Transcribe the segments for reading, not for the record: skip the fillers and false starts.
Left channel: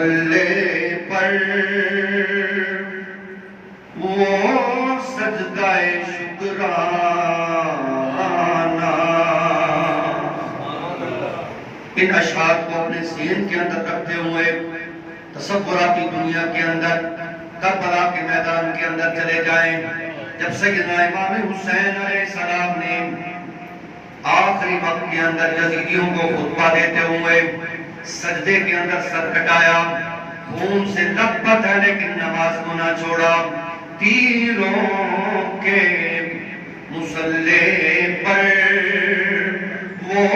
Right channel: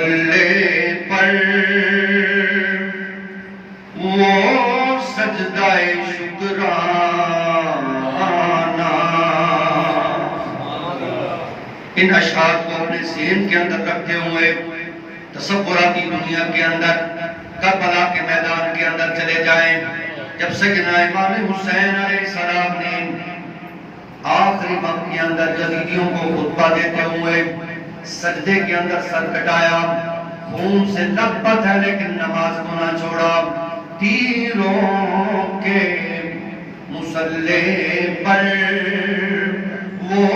مصلی پر وہ سجدہ شکرانہ. ان اشعار کو اپنے ذہن کے اندر رکھتے ہوئے تصوراتی دنیا کے اندر کربلا کے میدان کے اندر چلے جائیں. جب سیدنا امام حسین علیہ السلام نے آخری وقت کے اندر یزیدیوں کو خطبہ دیتے ہوئے سجدے کے اندر سر کٹایا، خون سے لت پت ہے لیکن نماز کو نہ چھوڑا. تیروں کے مصلی پر وہ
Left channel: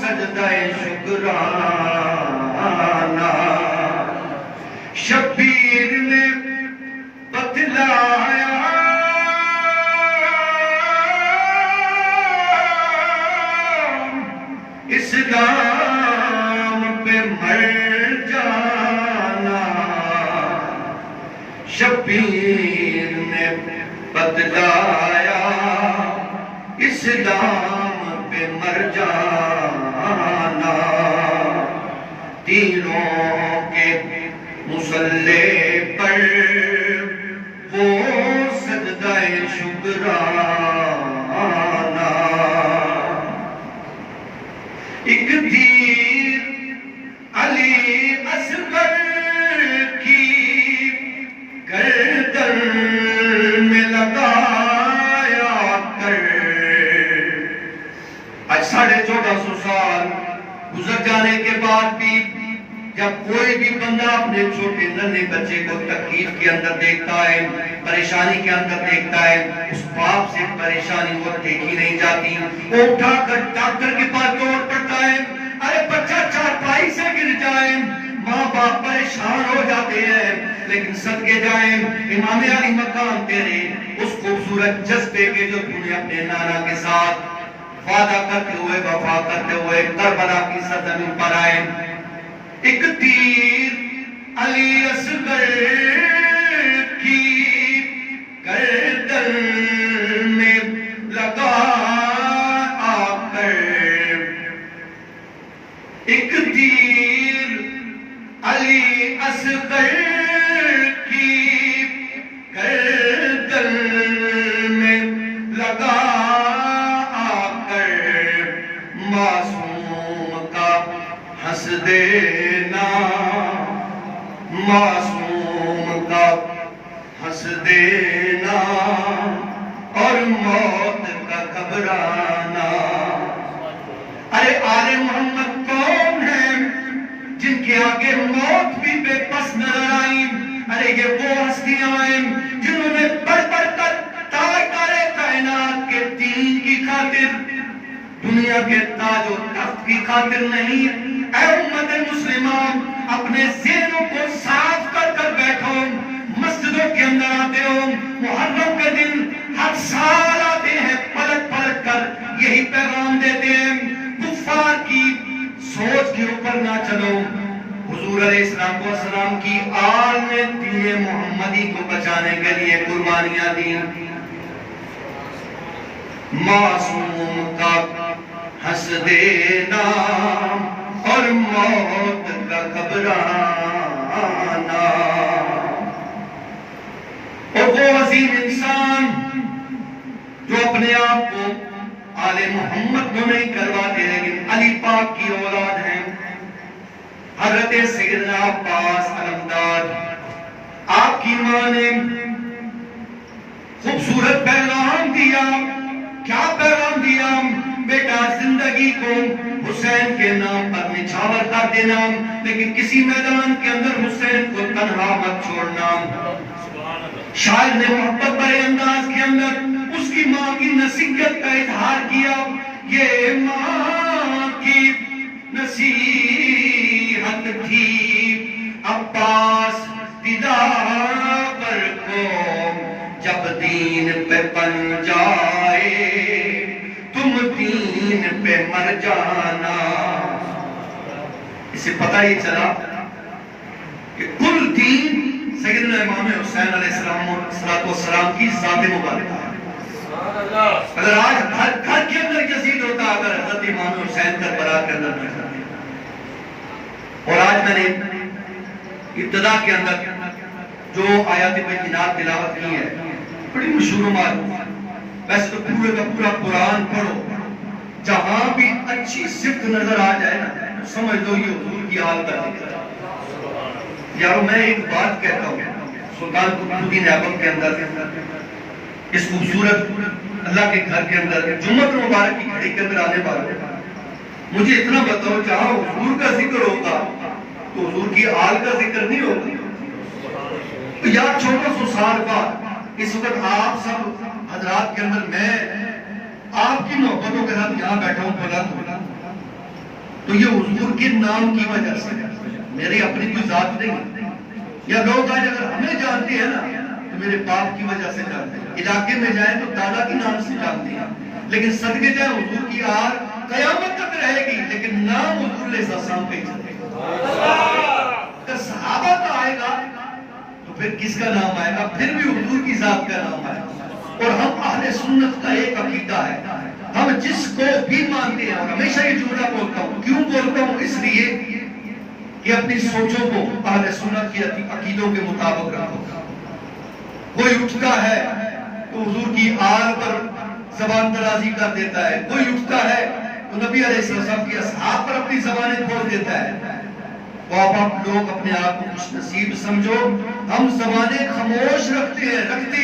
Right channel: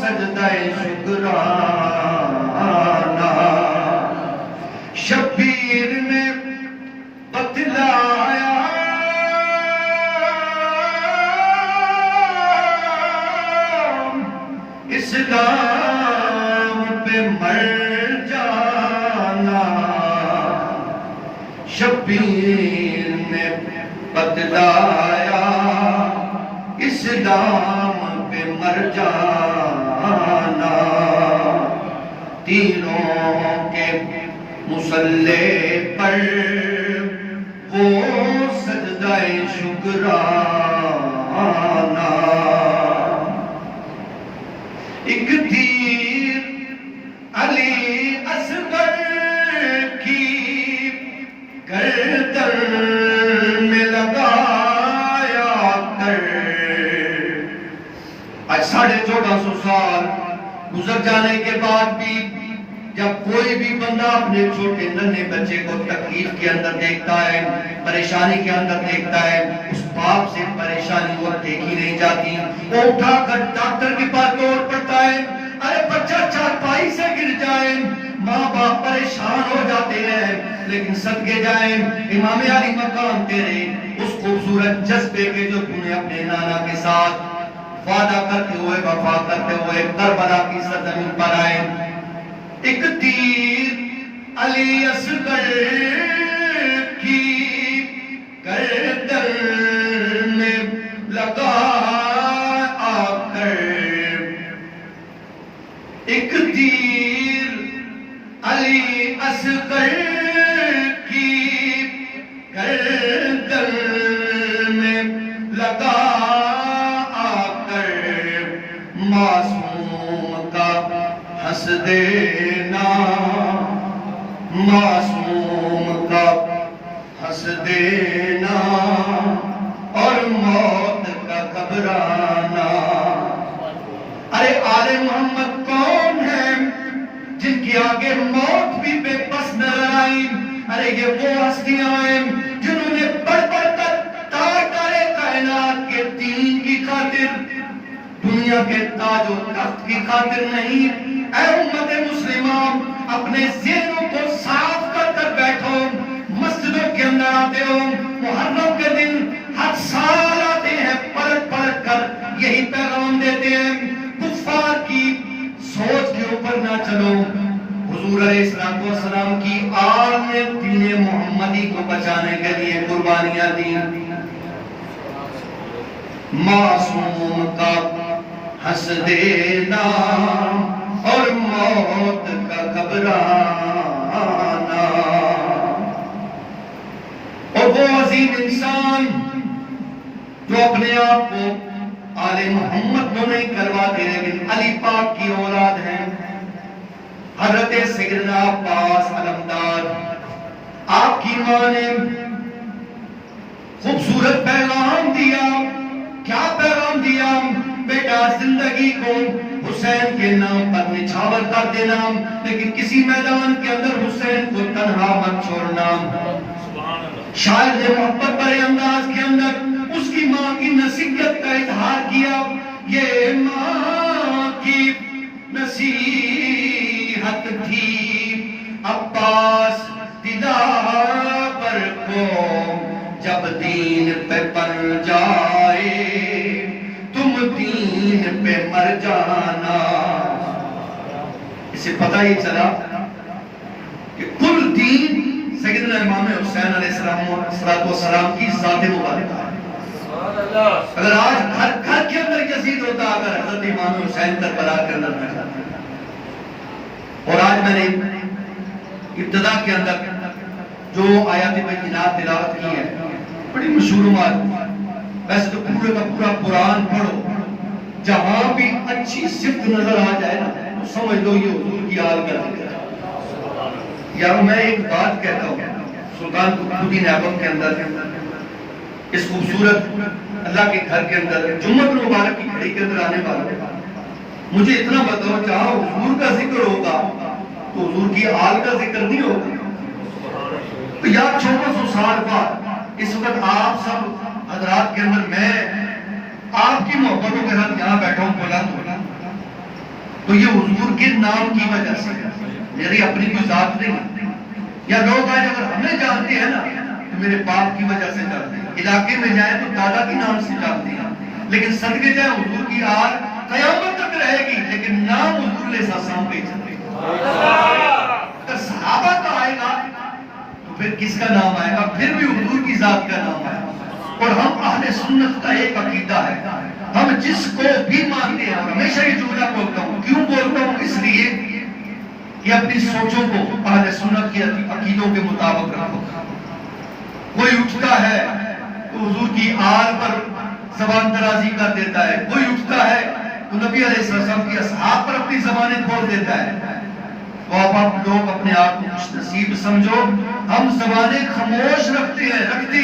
سجدہ شکرانہ. شبیر نے بتلایا اسلام پہ مر جانا. شبیر نے بتلایا اسلام پہ مر جانا. تیروں کے مصلی پر وہ سجدہ شکرانہ. ایک تیر علی اصغر کی گردن میں لگایا کر. آج 1450 سال گزر جانے کے بعد بھی جب کوئی بھی بندہ اپنے چھوٹے ننھے بچے کو تکلیف کے اندر دیکھتا ہے، پریشانی کے اندر دیکھتا ہے، اس باپ سے پریشانی وہ دیکھی نہیں جاتی. وہ اٹھا کر ڈاکٹر کے پاس دوڑ پڑتا ہے. ارے بچہ چارپائی سے گر جائے، ماں باپ پریشان ہو جاتے ہیں. لیکن صدقے جائیں امام علی مقام تیرے اس خوبصورت جذبے کے جو تم نے اپنے نانا کے ساتھ وعدہ کرتے ہوئے وفا کرتے ہوئے کربلا کی سرزمین پر آئے. ایک تیر علی اصغر کی گردن میں لگا آ کر. ایک تیر علی اصغر کی گردن میں لگا آ کر. معصوم کا ہنس دینا، معصوم کا ہنس دینا اور موت کا گھبرانا. ارے آل محمد کون ہیں جن کے آگے موت بھی بے بس نظر آئی؟ ارے یہ وہ ہستیاں ہیں جنہوں نے بڑھ بڑھ کر تاجدار کائنات کے دین کی خاطر، دنیا کے تاج و تخت کی خاطر نہیں. اے امت مسلمہ، اپنے ذہنوں کو صاف کر کر بیٹھو. مسجدوں کے اندر آتے ہو، محرم کے دن ہر سال آتے ہیں، پلٹ پلٹ کر یہی پیغام دیتے ہیں. کفار کی سوچ کے اوپر نہ چلو. حضور علیہ السلام کی آل نے دین محمدی کو بچانے کے لیے قربانیاں دی. معصوم کا ہنس دینا اور موت کا گھبرانا. اور وہ عظیم انسان جو اپنے آپ کو آل محمد کو نہیں کرواتے لیکن علی پاک کی اولاد ہیں، حضرت سیدنا عباس علمدار. آپ کی ماں نے خوبصورت پیغام دیا. کیا پیغام دیا؟ بیٹا زندگی کو حسین کے نام پر نچھاور کر دینا، لیکن کسی میدان کے اندر حسین کو تنہا مت چھوڑنا. شاعر نے محبت بڑے انداز کے اندر اس کی ماں کی نصیحت کا اظہار کیا. یہ ماں کی نصیحت تھی عباس دلاور کو، جب دین پہ بن جائے تم دین پہ مر جانا. اسے پتہ ہی چلا کہ کل دین سیدنا امام حسین علیہ السلام کی ذات مبارکہ ہے. اگر آج گھر کے اندر یزید ہوتا، اگر حضرت امام حسین کربلا کے اندر نہ کرتے. اور آج میں نے ابتدا کے اندر جو آیات بینات تلاوت کی ہے بڑی مشہور معلوم ہے. ویسے تو پورے کا پورا قرآن پڑھو، جہاں بھی اچھی صفت نظر آ جائے نا سمجھ دو یہ حضور کی آل کا ذکر ہے. یار میں ایک بات کہتا ہوں، سلطان قطب ایبک کے اندر اس خوبصورت اللہ کے گھر کے اندر جمعہ مبارک کی گھڑی کے اندر آنے والے مجھے اتنا بتاؤ جہاں حضور کا ذکر ہوگا تو حضور کی آل کا ذکر نہیں ہوگا. یا 1400 سال بعد اس وقت آپ سب حضرات کے اندر میں آپ کی محبتوں کے ساتھ یہاں بیٹھا ہوں بلند تو یہ حضور کے نام کی وجہ سے میری اپنی کوئی ذات نہیں. یا لوگ آج اگر ہمیں جانتے ہیں نا تو میرے باپ کی وجہ سے جانتے ہیں، علاقے میں جائیں تو دادا کے نام سے جانتے ہیں، لیکن صدقے جائیں حضور کی آل قیامت تک رہے گی لیکن نام حضور علیہ السلام پہ ہی چلے گا. اگر صحابہ کا آئے گا تو پھر کس کا نام آئے گا؟ پھر بھی حضور کی ذات کا نام آئے گا. اور ہم اہل سنت کا ایک عقیدہ ہے، ہم جس کو بھی مانتے ہیں، اور ہمیشہ یہ جملہ بولتا ہوں، کیوں بولتا ہوں؟ اس لیے کہ اپنی سوچوں کو اہل سنت کی عقیدوں کے مطابق رکھو. کوئی اٹھتا ہے تو حضور کی آل پر زبان درازی کر دیتا ہے، کوئی اٹھتا ہے تو نبی علیہ السلام کی اصحاب پر اپنی زبانیں کھول دیتا ہے. تو آپ لوگ اپنے آپ کو خوش نصیب سمجھو، ہم زبانیں خاموش رکھتے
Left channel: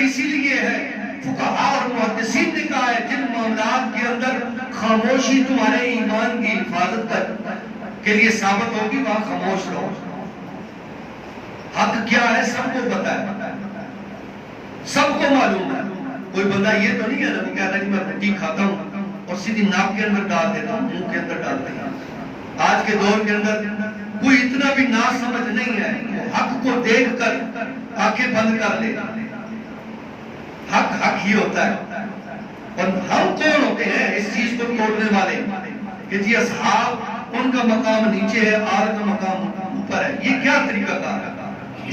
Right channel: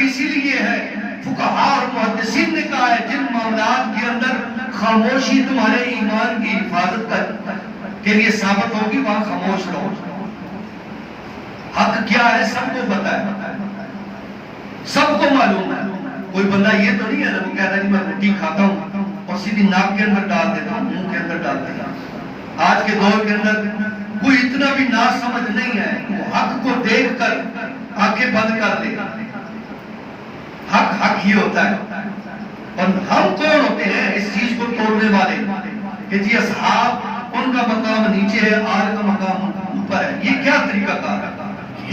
اسی لیے ہے. فقہاء اور محدثین نے کہا ہے جن معاملات کے اندر خاموشی تمہارے ایمان کی حفاظت کے لیے ثابت ہوگی وہاں خاموش رہو. حق کیا ہے سب کو پتہ ہے، سب کو معلوم ہے. کوئی بندہ یہ تو نہیں ہے وہ کہتا ہے کہ میں روٹی کھاتا ہوں اور سیدھی ناک کے اندر ڈال دیتا ہوں، منہ کے اندر ڈال دیتا ہوں. آج کے دور کے اندر کوئی اتنا بھی نا سمجھ نہیں ہے، وہ حق کو دیکھ کر آنکھیں بند کر لے. حق حق ہی ہوتا ہے. اور ہم کون ہوتے ہیں اس چیز کو توڑنے والے کہ جی اصحاب ان کا مقام نیچے ہے، آل کا مقام اوپر ہے؟ یہ کیا طریقہ کار ہے؟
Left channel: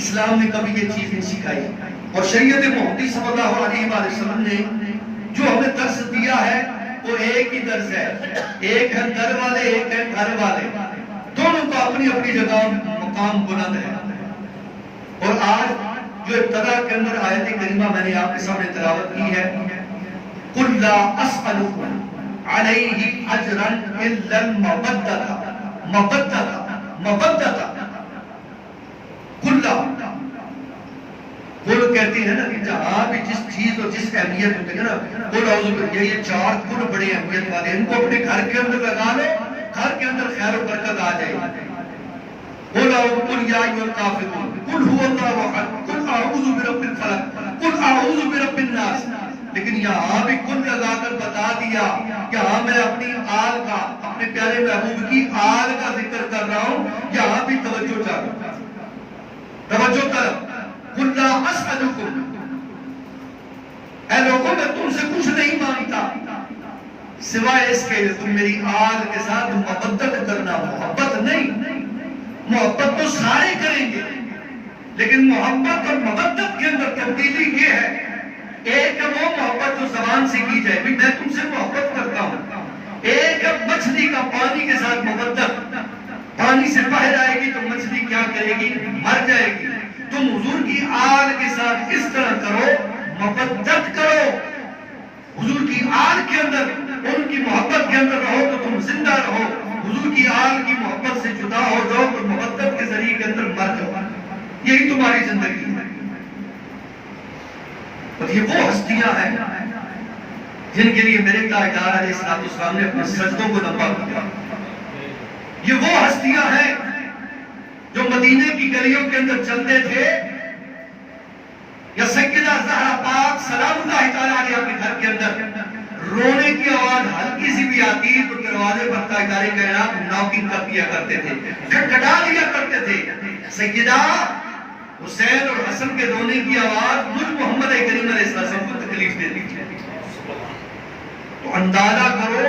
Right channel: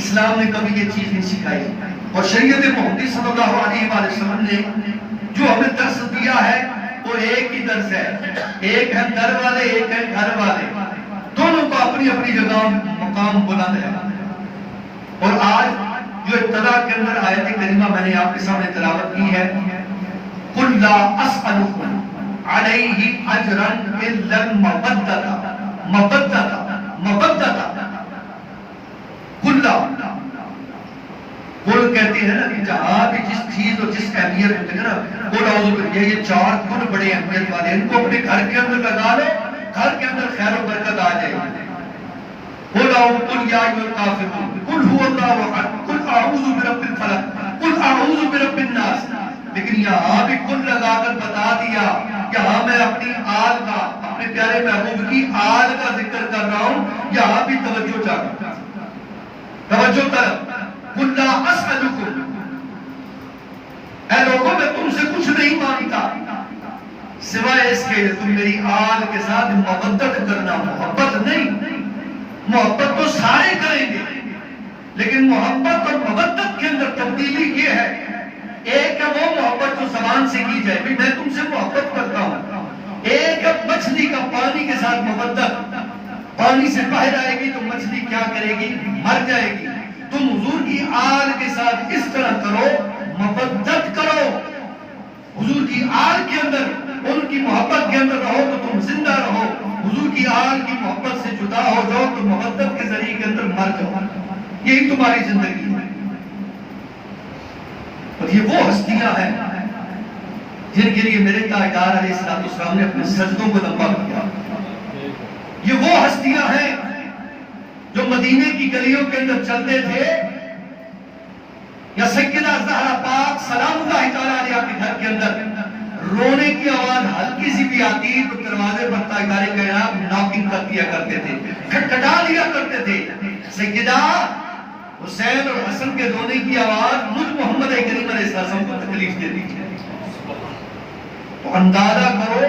اسلام نے کبھی یہ چیز نہیں سکھائی. اور شریعت محمدی صلی اللہ علیہ وآلہ وسلم نے جو ہمیں درس دیا ہے وہ ایک ہی درس ہے. ایک ہے در والے، ایک ہے گھر والے، دونوں کا اپنی اپنی جگہ مقام بلند ہے. اور آج جو ابتدا کے اندر آیت کریمہ میں نے آپ کے سامنے تلاوت کی ہے، قُلْ لَا أَسْأَلُكُمْ عَلَيْهِ أَجْرًا إِلَّا الْمَوَدَّةَ قل کہتے ہیں نا کہ جہاں بھی جس چیز اور جس اہمیت ہوتی ہے نا، قل اعوذ باللہ، یہ چار قل بڑے اہمیت والے، ان کو اپنے گھر کے اندر لگا لو، گھر کے اندر خیر و برکت آ جائے گی. قل یا ایھا الکافرون، قل هو اللہ احد، قل اعوذ برب الفلق، قل اعوذ برب الناس. لیکن یہاں بھی قل لگا کر بتا دیا کہ ہاں میں اپنی آل کا، اپنے پیارے محبوب کی آل کا ذکر کر رہا ہوں. یہاں بھی توجہ چاہیے، توجہ طرف. قل لا اسألکم، اے لوگوں میں تم سے کچھ نہیں مانگتا سوائے اس کے تم میری آل کے ساتھ محبت کرنا. محبت نہیں، محبت تو سارے کریں گے لیکن محبت اور محبت کے اندر تبدیلی یہ ہے. ایک ہے وہ محبت جو زبان سے کی جائے، میں تم سے محبت کرتا ہوں. ایک ہے مچھلی کا پانی کے ساتھ محبت، پانی سے باہر آئے گی تو مچھلی کیا کرے گی؟ مر جائے گی. تم حضور کی آل کے ساتھ اس طرح کرو، محبت کرو. حضور کی آل کے اندر، ان کی محبت کے اندر رہو تو تم زندہ رہو. حضور کی آل کی محبت سے جدا ہو جاؤ تو محبت کے ذریعے کے اندر مر جاؤ. یہی تمہاری زندگی ہے. اور یہ وہ ہستیاں ہیں جن کے لیے میرے تاجدار علیہ السلام نے اپنے سجدوں کو لمبا کیا. یہ وہ ہستیاں ہیں جو مدینے کی گلیوں کے اندر چلتے تھے، یا سیدہ زہرا پاک سلام اللہ تعالیٰ علیہ کے گھر کے اندر رونے کی آواز ہلکی سی بھی آتی تو دروازے پر تاجدار کائنات ناکنگ کر دیا کرتے تھے، کھٹکھٹا دیا کرتے تھے. سیدہ حسین اور حسن کے رونے کی آواز مجھ محمد کریم علیہ السلام کو تکلیف دیتی ہے. تو اندازہ کرو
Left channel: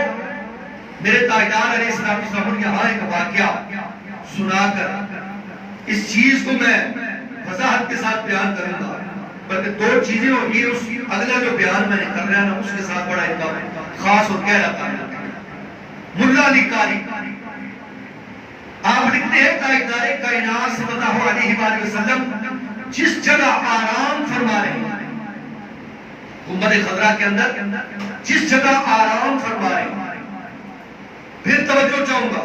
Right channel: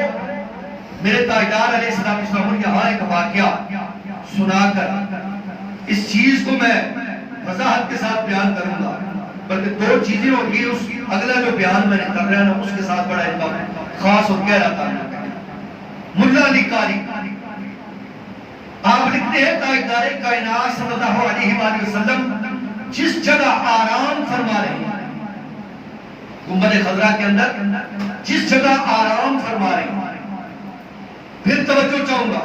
میرے تاجدار علیہ السلام یہاں ایک واقعہ سنا کر اس چیز کو میں وضاحت کے ساتھ بیان کروں گا، بلکہ دو چیزیں ہوگی. اس اگلا جو بیان میں نے کر رہا ہوں اس کے ساتھ بڑا ایک خاص اور گہرا تعلق ہے. ملا علی قاری آپ آپ لکھتے ہیں تاجدار کائنات صلی اللہ علیہ وآلہ وسلم جس جگہ آرام فرما رہے ہیں، گنبد خضرا کے اندر جس جگہ آرام فرما رہے ہیں، پھر توجہ چاہوں گا،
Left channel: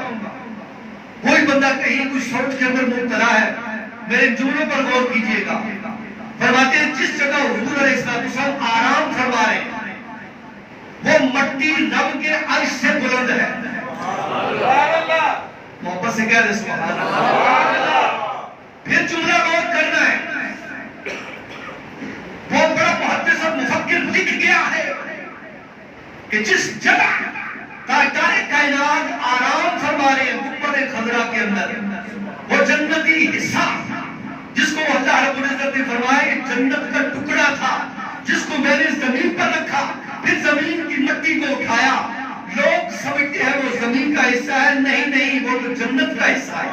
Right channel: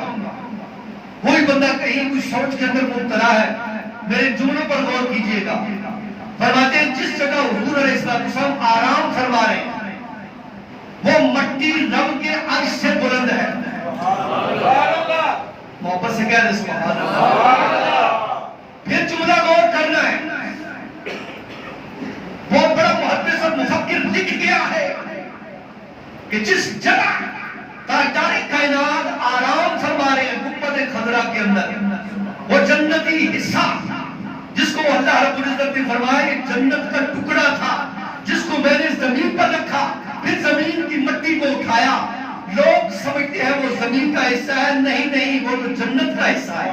کوئی بندہ کہیں کوئی سوچ کے اندر مبتلا ہے، میرے جملوں پر غور کیجئے گا۔ فرماتے ہیں جس جگہ حضور علیہ السلام آرام فرما رہے ہیں وہ مٹی رب کے عرش سے بلند ہے۔ محبت سے کہہ رہے سبحان اللہ۔ پھر جملہ غور کرنا ہے، بہت بڑا محدث اور مفکر لکھ گیا ہے کہ جس جگہ تاجدار کائنات آرام فرما رہے ہیں گنبد خضرا کے اندر، وہ جنتی حصہ جس کو اللہ رب العزت نے فرمایا کہ جنت کا ٹکڑا تھا، جس کو میں نے زمین پر رکھا، پھر زمین کی مٹی کو اٹھایا، لوگ سمجھتے ہیں وہ زمین کا حصہ ہے، نہیں وہ تو جنت کا حصہ ہے۔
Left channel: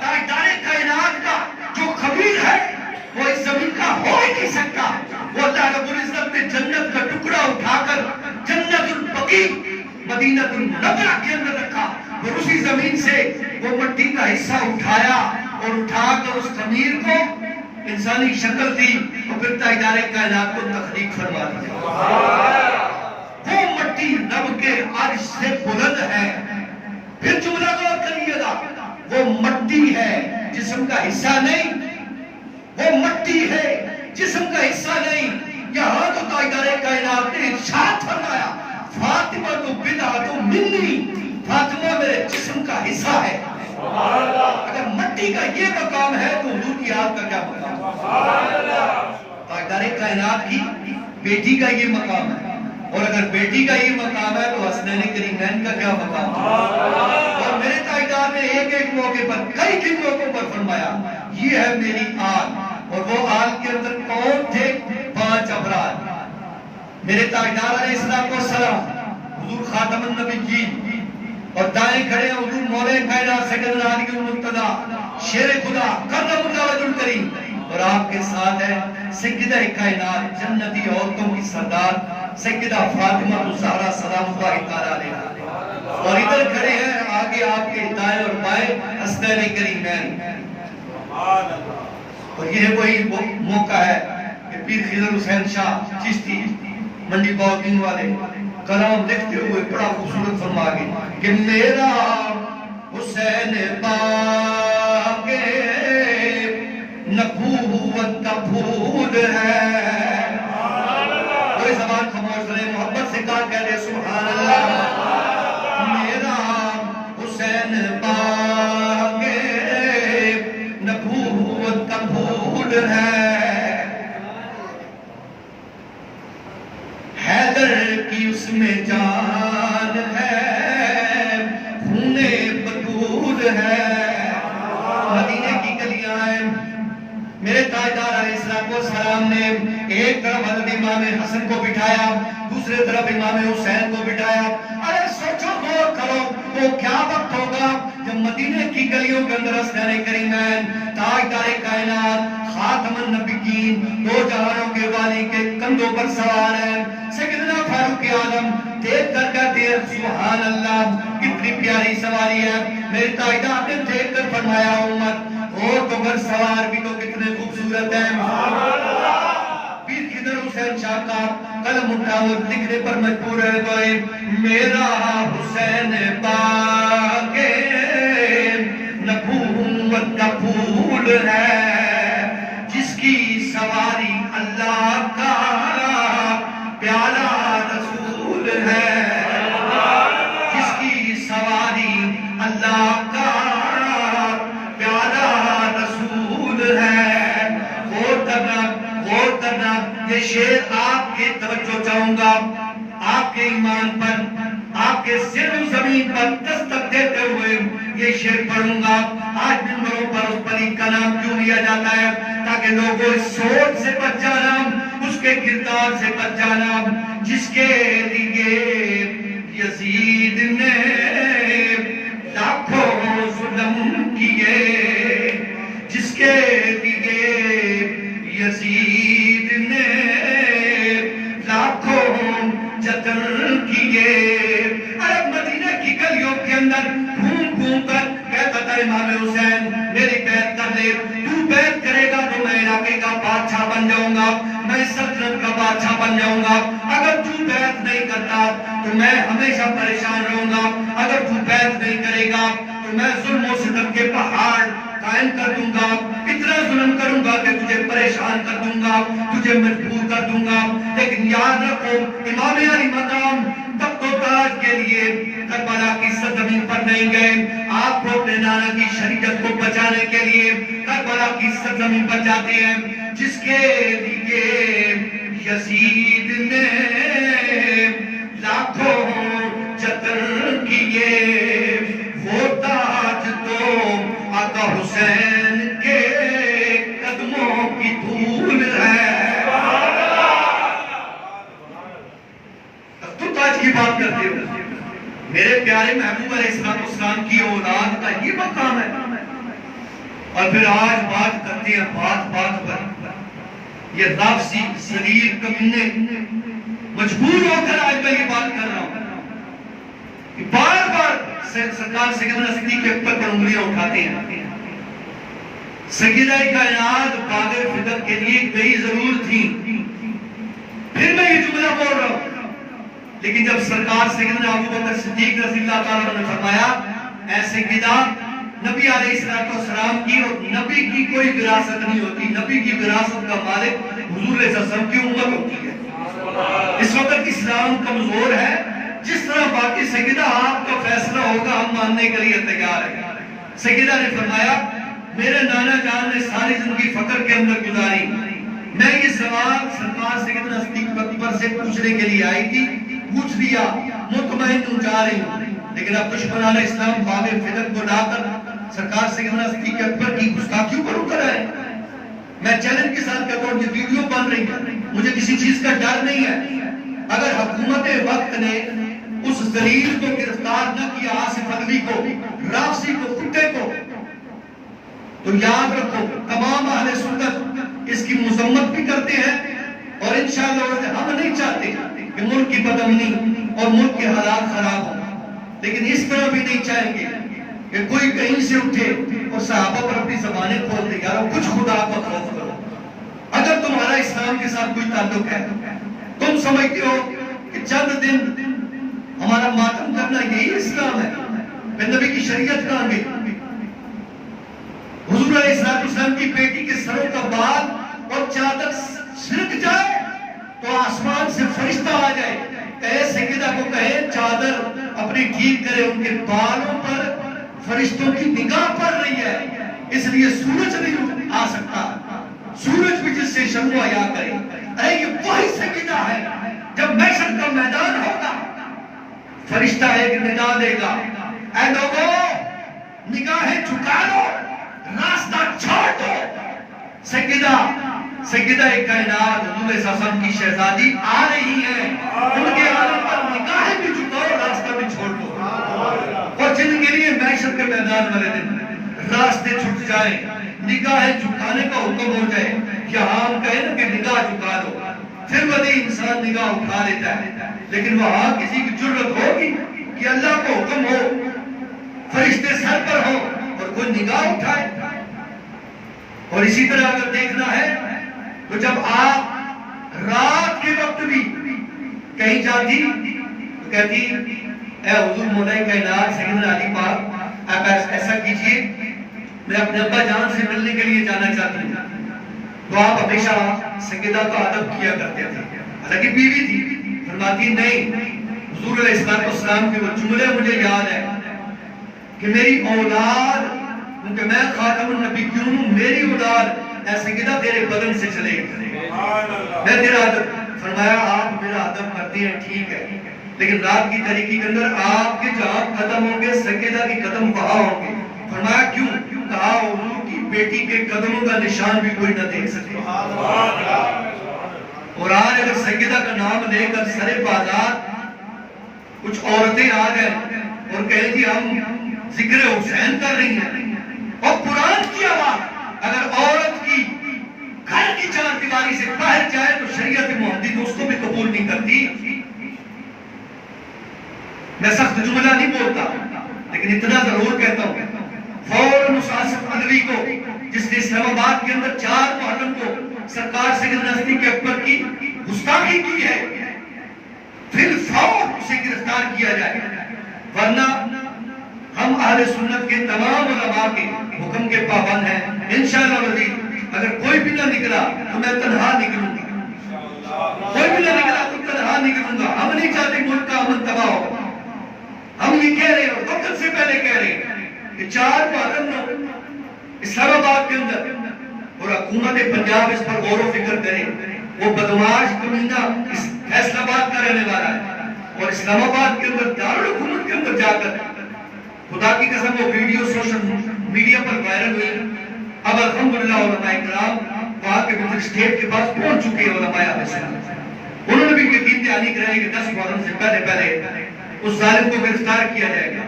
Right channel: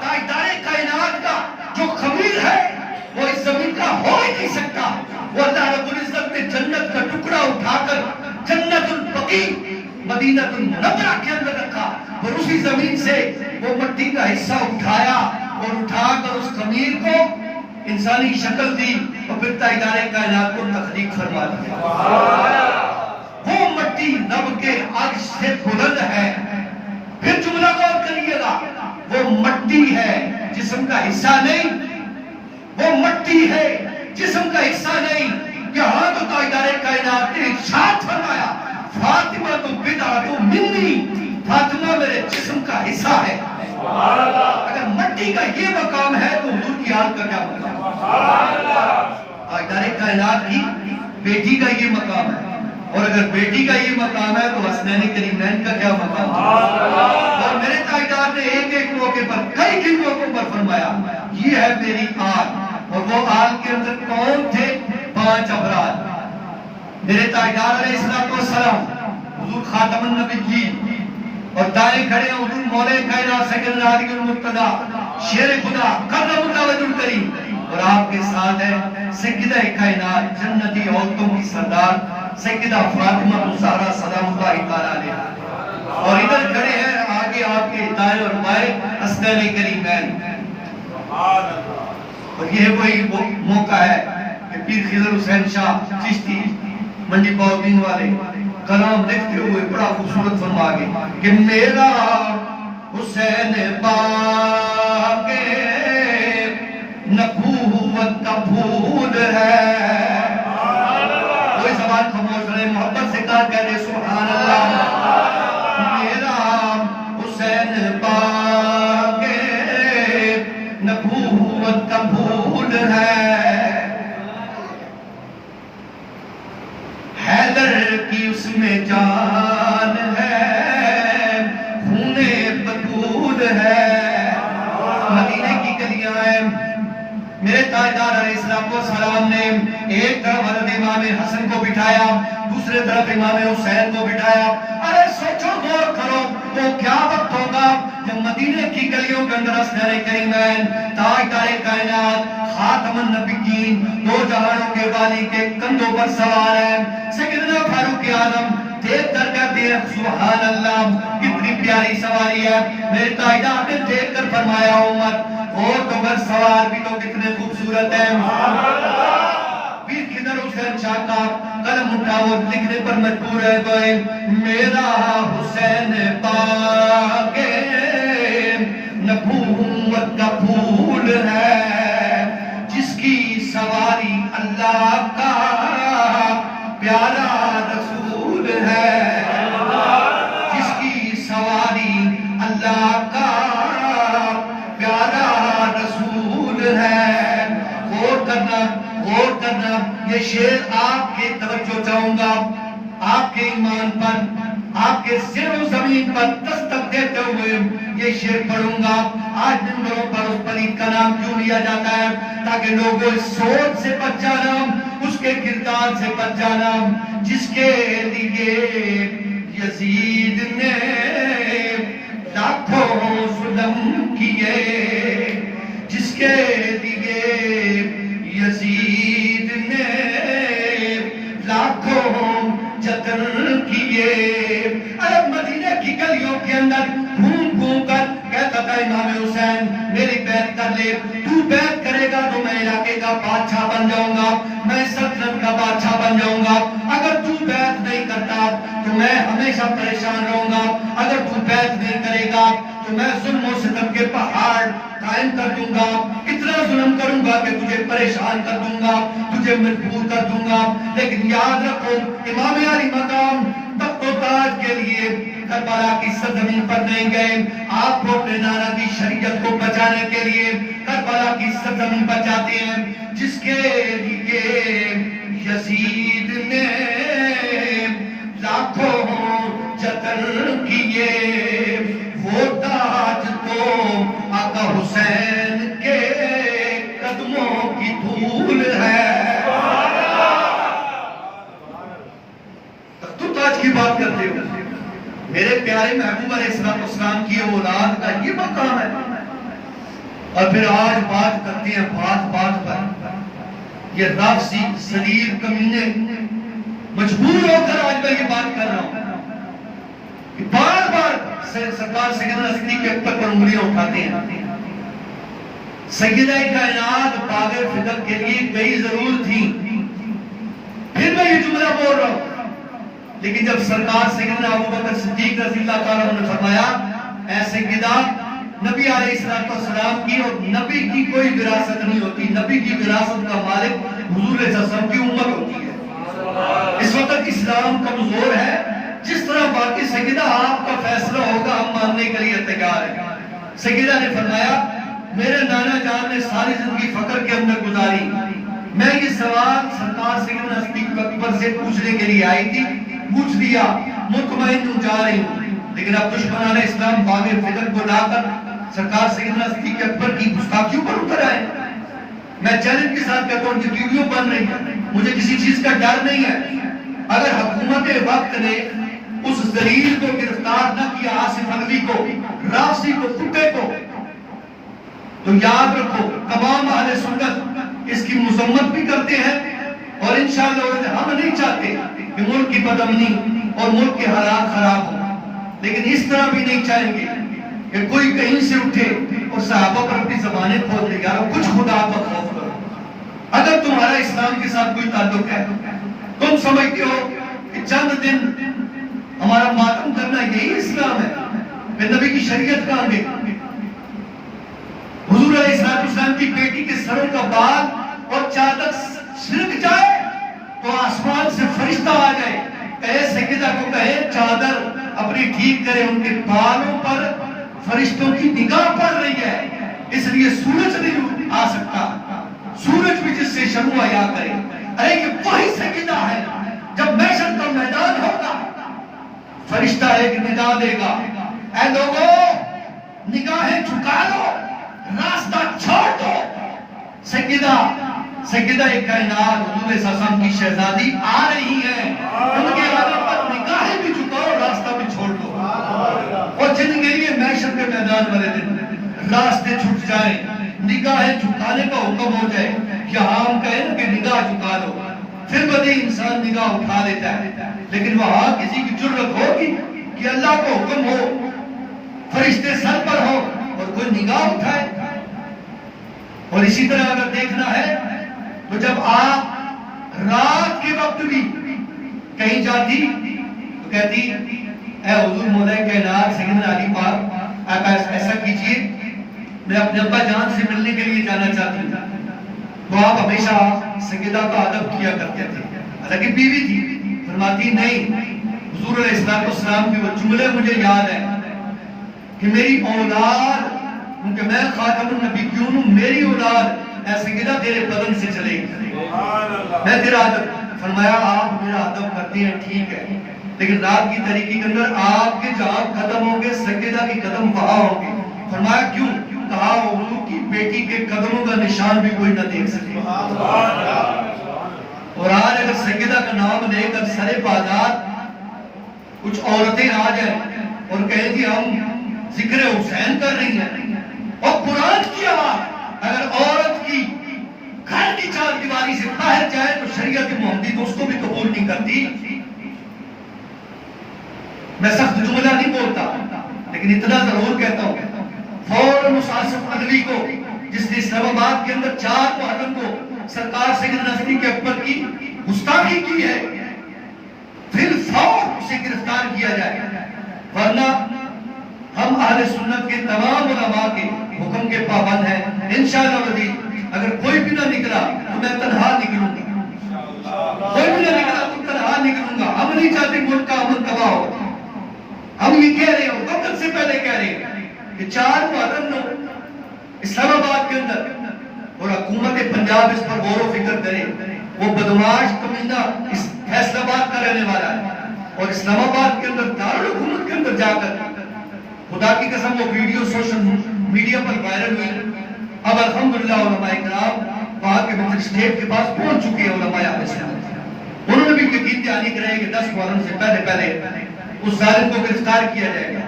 تاجدار کائنات کا جو خبیر ہے وہ اس زمین کا ہو ہی نہیں سکتا، وہ اللہ رب العزت نے جنت کا ٹکڑا اٹھا کر جنت البقیع مدینہ المنورہ کے اندر رکھا، اور اسی زمین سے وہ مٹی کا حصہ اٹھایا اور اٹھا کر اس خمیر کو انسانی شکل دی اور پھر تاجدار کائنات کو تخلیق فرما دیا۔ وہ مٹی رب کے عرش سے بلند ہے۔ پھر جملہ غور کریے گا، وہ مٹی ہے جسم کا حصہ نہیں، وہ مٹی ہے جسم کا حصہ نہیں۔ یہاں تو تاجدار کائنات نے ارشاد فرمایا فاطمہ تو بدعۃ منی، فاطمہ میرے جسم کا حصہ ہے۔ اگر مٹی کا یہ مقام ہے تو حضور کی آل کا کیا مقام ہے؟ تاجدار کائنات کی بیٹی کا یہ مقام ہے، اور اگر بیٹی کا یہ مقام ہے تو حسنین کریمین کا کیا مقام ہے؟ اور میرے تاجدار نے ایک ایک موقع پر کئی موقعوں پر فرمایا یہ ہے میری آل، اور وہ آل کے اندر کون تھے؟ 5 افراد۔ میرے تاجدار علیہ السلام، حضور خاتم النبیین، اور دائیں کھڑے ہیں حضور مولا کائنات سیدنا علی المرتضیٰ شیر خدا کرم اللہ وجہ الکریم، اور آپ کے ساتھ ہے سیدہ کائنات جنتی عورتوں کی سردار سیدہ فاطمہ الزہرا سلام اللہ تعالیٰ علیہا، اور ادھر کھڑے ہیں آگے آپ کے دائیں اور بائیں حسنین کریمین۔ اور یہ وہی موقع ہے کہ پیر خضر حسین شاہ چشتی منڈی باؤدین والے کلام لکھتے ہوئے بڑا خوبصورت فرما گئے کہ میرا حسین باغ نبوت کا پھول ہے۔ کوئی زبان خاموش رہے، محبت سے کہا کہہ دے سبحان اللہ۔ میرا حسین باغ نبوت کا پھول ہے، حیدر کی اس میں جان ہے، خون بطول ہے۔ مدینے کی گلیاں ہیں، میرے تاجدار علیہ السلام نے ایک طرف حضرت امام حسن کو بٹھایا، دوسرے طرف امام حسین کو بٹھایا۔ ارے سوچو غور کرو وہ کیا وقت ہوگا جب مدینے کی گلیوں کے اندر حسنین کریمین تاجدار کائنات خاتم النبیین دو جہانوں کے والی کے کندھوں پر سوار ہیں۔ سیدنا فاروق اعظم دیکھ کر کہتے ہیں سبحان اللہ کتنی پیاری سواری ہے۔ میرے تاجدار نے دیکھ کر فرمایا عمر اور تو گھر سوار بھی تو کتنے خوبصورت ہیں۔ پیر خضر حسین شاہ کا قلم اٹھا اور لکھنے پر مجبور ہے گئے میرا حسین باغ نبوت کا پھول ہے، جس کی سواری اللہ کا پیارا رسول ہے، جس کی سواری اللہ کا پیارا رسول ہے۔ غور کرنا یہ شعر آپ کے توجہ چاہوں گا، آپ کے ایمان پر، آپ کے سر و زمین پر دستک دیتے ہوئے یہ شعر پڑھوں گا۔ آج ممبروں پر اس پلید کا نام کیوں لیا جاتا ہے؟ تاکہ لوگوں اس سوچ سے بچ جانا، اس کے کردار سے بچ جانا جس کے لیے یزید نے لاکھوں ظلم کیے، جس کے لیے یزید نے لاکھوں جتن کیے۔ ارے مدینہ کی گلیوں کے اندر گھوم گھوم کر دے، تو بیعت کرے گا تو میں علاقے کا بادشاہ بن جاؤں گا، میں سلطنت کا بادشاہ بن جاؤں گا، اگر تو بیعت نہیں کرتا تو میں ہمیشہ پریشان رہوں گا، اگر تو بیعت نہیں کرے گا تو میں ظلم و ستم کے پہاڑ قائم کر دوں گا، اتنا ظلم کروں گا کہ تجھے پریشان کر دوں گا، تجھے مجبور کر دوں گا۔ لیکن یاد رکھو امام علی مقام تخت و تاج کے لیے کربلا کی سرزمین پر نہیں گئے، آپ کو اپنے نانا کی شریعت کو بچانے کے لیے کربلا کی سرزمین پر جاتے ہیں، جس کے لیے یزید نے لاکھوں جتن کیے، وہ تاج تو آقا حسین کے قدموں کی دھول ہے۔ تو تاج کی بات کرتے ہو، میرے پیارے محبوب علیہ السلام کی اولاد کا یہ مقام ہے، اور پھر آج بات کرتے ہیں بات بات پر، یہ رافضی ذلیل کمینے مجبور ہو کر آج میں یہ بات کر رہا ہوں، بار بار سرکار سیدنا صدیق اکبر پر انگلیاں اٹھاتے ہیں۔ سیدہ کائنات باغ فدق کے لیے گئی ضرور تھی، پھر میں یہ جملہ بول رہا ہوں، لیکن جب سرکار سیدنا ابوبکر صدیق رضی اللہ تعالیٰ عنہ نے فرمایا اے سیدہ، نبی علیہ السلام کی اور نبی کی کوئی وراثت نہیں ہوتی، نبی کی وراثت کا مالک حضور صلی اللہ علیہ وسلم کی امت ہوتی ہے۔ اس وقت اسلام کمزور ہے، جس طرح باقی سیدہ آپ کا فیصلہ ہوگا ہم ماننے کے لیے تیار ہیں۔ سیدہ نے فرمایا میرے نانا جان نے ساری زندگی فقر کے اندر گزاری، میں یہ سوال سرکار سیدنا صدیق اکبر سے پوچھنے کے لیے آئی تھی، پوچھ لیا، مطمئن ہوں جا رہی ہوں، لیکن اب دشمنان اسلام باغ فدق کو لا کر سرکار سیدنا صدیق اکبر کی گستاخیوں پر اتر آئے۔ میں چیلنج کے ساتھ کہتا ہوں کہ ویڈیو بن رہی ہے، مجھے کسی چیز کا ڈر نہیں ہے، اگر حکومت وقت نے اس ذلیل کو گرفتار نہ کیا، آصف عدوی کو، رافضی کو، کتے کو، تو یاد رکھو تمام اہل سنت اس کی مذمت بھی کرتے ہیں، اور انشاءاللہ ہم نہیں چاہتے کہ ملک کی بدامنی اور ملک کے حالات خراب ہوں، لیکن اس طرح بھی نہیں چاہیں گے کہ کوئی کہیں سے اٹھے اور صحابہ پر اپنی زبانیں کھول دے۔ یارو کچھ خدا کا خوف کرو، اگر تمہارا اسلام کے ساتھ کوئی تعلق ہے، تم سمجھتے ہو کہ چند دن ہمارا ماتم کرنا یہی اسلام ہے، پھر نبی کی شریعت کہاں گئی؟ حضور علیہ السلام کی بیٹی کے سروں کا بال اور چادر سرک جائے تو آسمان سے فرشتہ آ جائے، کہے سیدہ کو کہے چادر اپنی ٹھیک کرے، ان کے بالوں پر فرشتوں کی نگاہ پڑ رہی ہے، اس لیے سورج نہیں آ سکتا، سورج بھی جس سے شروع آیا کرے۔ ارے یہ وہی سیدہ ہے، جب محشر کا میدان ہوگا فرشتہ ایک ندا دے گا، اے لوگو نگاہیں جھکا دو، راستہ چھوڑ دو، سیدہ کائنات حضور صلی اللہ علیہ وسلم کی شہزادی آ رہی ہے، ان کے آنے پر نگاہیں بھی جھکاؤ، راستہ بھی چھوڑ دو۔ اور جن کے لیے محشر کے میدان والے دن راستے چھٹ جائیں، نگاہیں جھکانے کا حکم ہو جائے، یہاں ہم کہیں نا کہ نگاہ جھکا دو، پھر وہی انسان نگاہ اٹھا لیتا ہے، لیکن وہاں کسی کی جرت ہوگی کہ اللہ کو حکم ہو، فرشتے سر پر ہو اور کوئی نگاہ اٹھائے؟ اور اسی طرح اگر دیکھنا ہے تو جب آپ رات کے وقت بھی کہیں جاتی تو کہتی اے حضور مولا کائنات سیدنا علی پاک آپ ایسا کیجئے، میں اپنے ابا جان سے ملنے کے لیے جانا چاہتی ہوں، تو آپ ہمیشہ سیدہ کا ادب کیا کرتے تھے، حالانکہ بیوی تھی، فرماتی نہیں، حضور علیہ السلام کے وہ جملے مجھے یاد ہے کہ میری اولاد، کیونکہ میں خاتم النبی کیوں ہوں، میری اولاد اے سیدہ تیرے بدن سے چلے گی، میں تیرا ادب۔ فرمایا آپ میرا ادب کرتی ہیں ٹھیک ہے، لیکن رات کی تاریکی کے اندر آپ کے جہاں قدم ہوں گے سیدہ کی قدم وہاں ہوں گے۔ فرمایا کیوں؟ کہا حضور کی بیٹی کے قدموں کا نشان بھی کوئی نہ دیکھ سکے۔ اور آج اگر سیدہ کا نام لے کر سرے بازار کچھ عورتیں آ جائیں اور کہیں کہ ہم ذکر حسین کر رہی ہیں، اور قرآن کی آواز اگر عورت کی گھر کی چار دیواری سے باہر جائے تو شریعت محمدی تو اس کو بھی قبول نہیں کرتی۔ میں سخت جملہ نہیں بولتا، لیکن اتنا ضرور کہتا ہوں، فوراً اس آصف عدوی کو جس نے اسلام آباد کے اندر 4 محرم کو سرکار سیدنا صدیق اکبر کی گستاخی کی ہے، پھر فوراً اسے گرفتار کیا جائے، ورنہ ہم اہل سنت کے تمام علماء کے حکم کے پابند ہیں۔ انشاءاللہ وزیر اگر کوئی بھی نہ نکلا تو میں تنہا نکلوں گا، کوئی بھی نہ نکلا تو تنہا نکلوں گا۔ ہم نہیں چاہتے ملک کا امن تباہ ہو، ہم یہ کہہ رہے ہیں، وقت سے پہلے کہہ رہے ہیں کہ 4 محرم کو اسلام آباد کے اندر، اور حکومت پنجاب اس پر غور و فکر کرے، وہ بدماش کمینہ اس فیصل آباد کا رہنے والا ہے، اور اسلام آباد کے اندر دارالحکومت کے اندر جا کر خدا کی قسم وہ ویڈیو سوشل میڈیا پر وائرل ہوئی۔ اب الحمدللہ علماء کرام وہاں کے مجسٹریٹ کے پاس پہنچ چکے ہیں، علماء اہل سنت، انہوں نے بھی یقین دہانی کرائی کہ 10 محرم سے پہلے اس ظالم کو گرفتار کیا جائے گا۔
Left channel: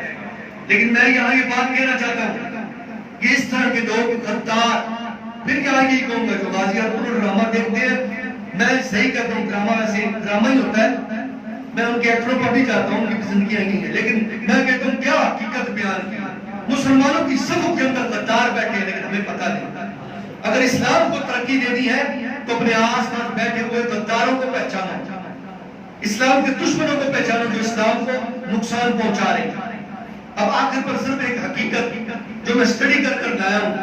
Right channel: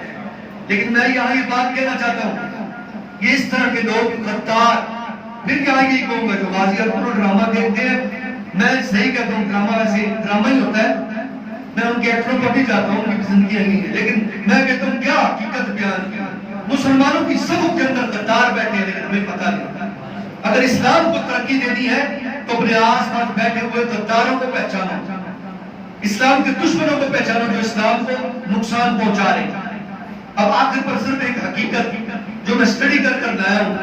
لیکن میں یہاں یہ بات کہنا چاہتا ہوں، یہ اس طرح کے لوگ غدار، پھر یہاں یہ کہوں گا جو غازی اور ڈرامہ دیکھتے ہیں، میں صحیح کہتا ہوں ڈرامہ ویسے ڈرامہ ہی ہوتا ہے، میں ان کے ایکٹروں پر بھی چاہتا ہوں کہ زندگیاں نہیں ہیں، لیکن میں کہتا ہوں کیا حقیقت بیان کی۔ مسلمانوں کی صفوں کے اندر غدار بیٹھے ہیں لیکن ہمیں پتہ نہیں۔ اگر اسلام کو ترقی دینی ہے تو اپنے آس پاس بیٹھے ہوئے غداروں کو پہچانو، اسلام کے دشمنوں کو پہچانو جو اسلام کو نقصان پہنچا رہے ہیں۔ اب آخر پر صرف ایک حقیقت جو میں اسٹڈی کر کر لایا ہوں،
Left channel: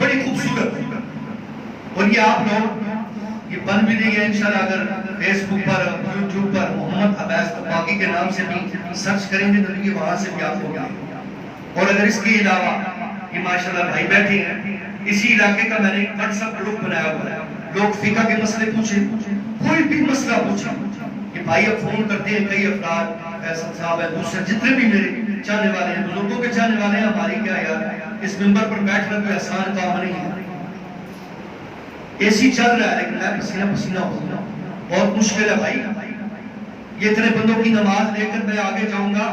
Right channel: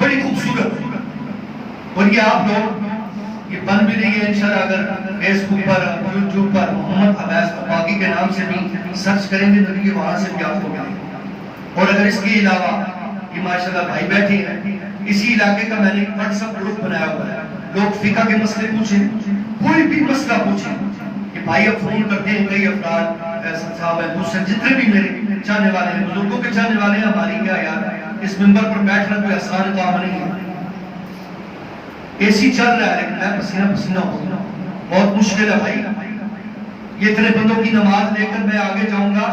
بڑی خوبصورت، اور یہ آپ لوگ یہ بن بھی نہیں ہے انشاءاللہ، اگر فیس بک پر یوٹیوب پر محمد عبیس باقی کے نام سے بھی سرچ کریں گے تو یہ وہاں سے بھی آپ کو ملے گا۔ اور اگر اس کے علاوہ یہ ماشاءاللہ بھائی بیٹھے ہیں، اسی علاقے کا میں نے ایک واٹس ایپ گروپ بنایا ہوا ہے، لوگ فقہ کے مسئلے پوچھیں، کوئی بھی مسئلہ پوچھیں، کہ بھائی اب فون کرتے ہیں کئی افراد، فیصل صاحب ہیں، دوسرے جتنے بھی میرے چاہنے والے ہیں، بزرگوں کے چاہنے والے ہیں، ہماری کیا یار اس منبر پر بیٹھنا کوئی آسان کام نہیں ہے، اے سی چل رہا ہے لیکن میں پسینہ پسینہ ہوگا، بہت مشکل ہے بھائی۔ یہ اتنے بندوں کی نماز لے کر میں آگے جاؤں گا،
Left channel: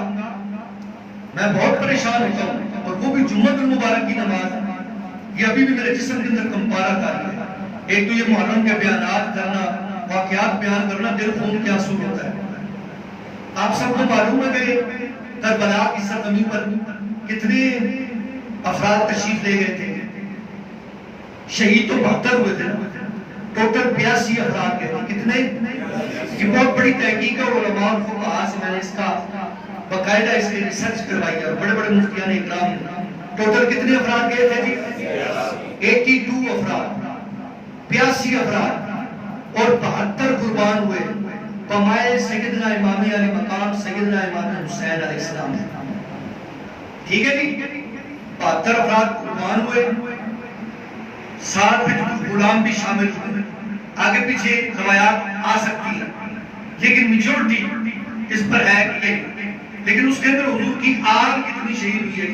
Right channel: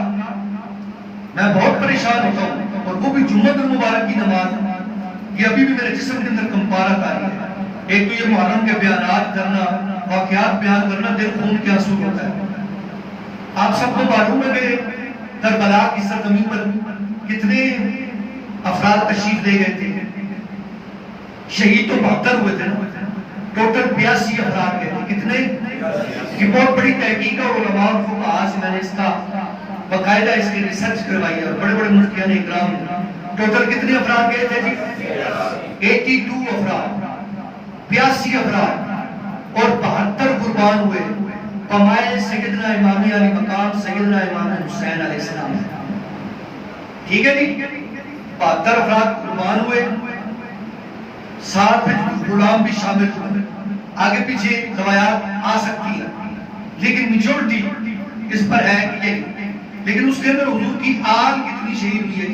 میں بہت پریشان ہوتا ہوں، اور وہ بھی جمعۃ المبارک کی نماز، یہ ابھی بھی میرے جسم کے اندر کمپارت آ رہی ہے۔ ایک تو یہ محرم کے بیانات کرنا، واقعات بیان کرنا، دل خون کے آنسو ہوتا ہے۔ آپ سب کو معلوم ہے کہ کربلا کی سرزمین پر کتنے افراد تشریف لے گئے تھے، شہید تو 72 ہوئے تھے، ٹوٹل 82 افراد گئے تھے، کتنے؟ یہ بہت بڑی تحقیق ہے، اور علماء اور فقہاء سے میں نے اس کا باقاعدہ اس کی ریسرچ کروائی ہے، اور بڑے بڑے مفتیان اکرام نے ٹوٹل کتنے افراد گئے تھے جی؟ 82 افراد، 82 افراد، اور 72 قربان ہوئے پمائے سیدنا امام علی مقام سیدنا امام حسین علیہ السلام۔ ٹھیک ہے جی، 72 افراد قربان ہوئے، ساتھ میں غلام بھی شامل ہوئے۔ آگے پیچھے روایات آ سکتی ہیں لیکن میجورٹی اس پر ہے کہ لیکن اس کے اندر حضور کی آل کتنی شہید ہوئی ہے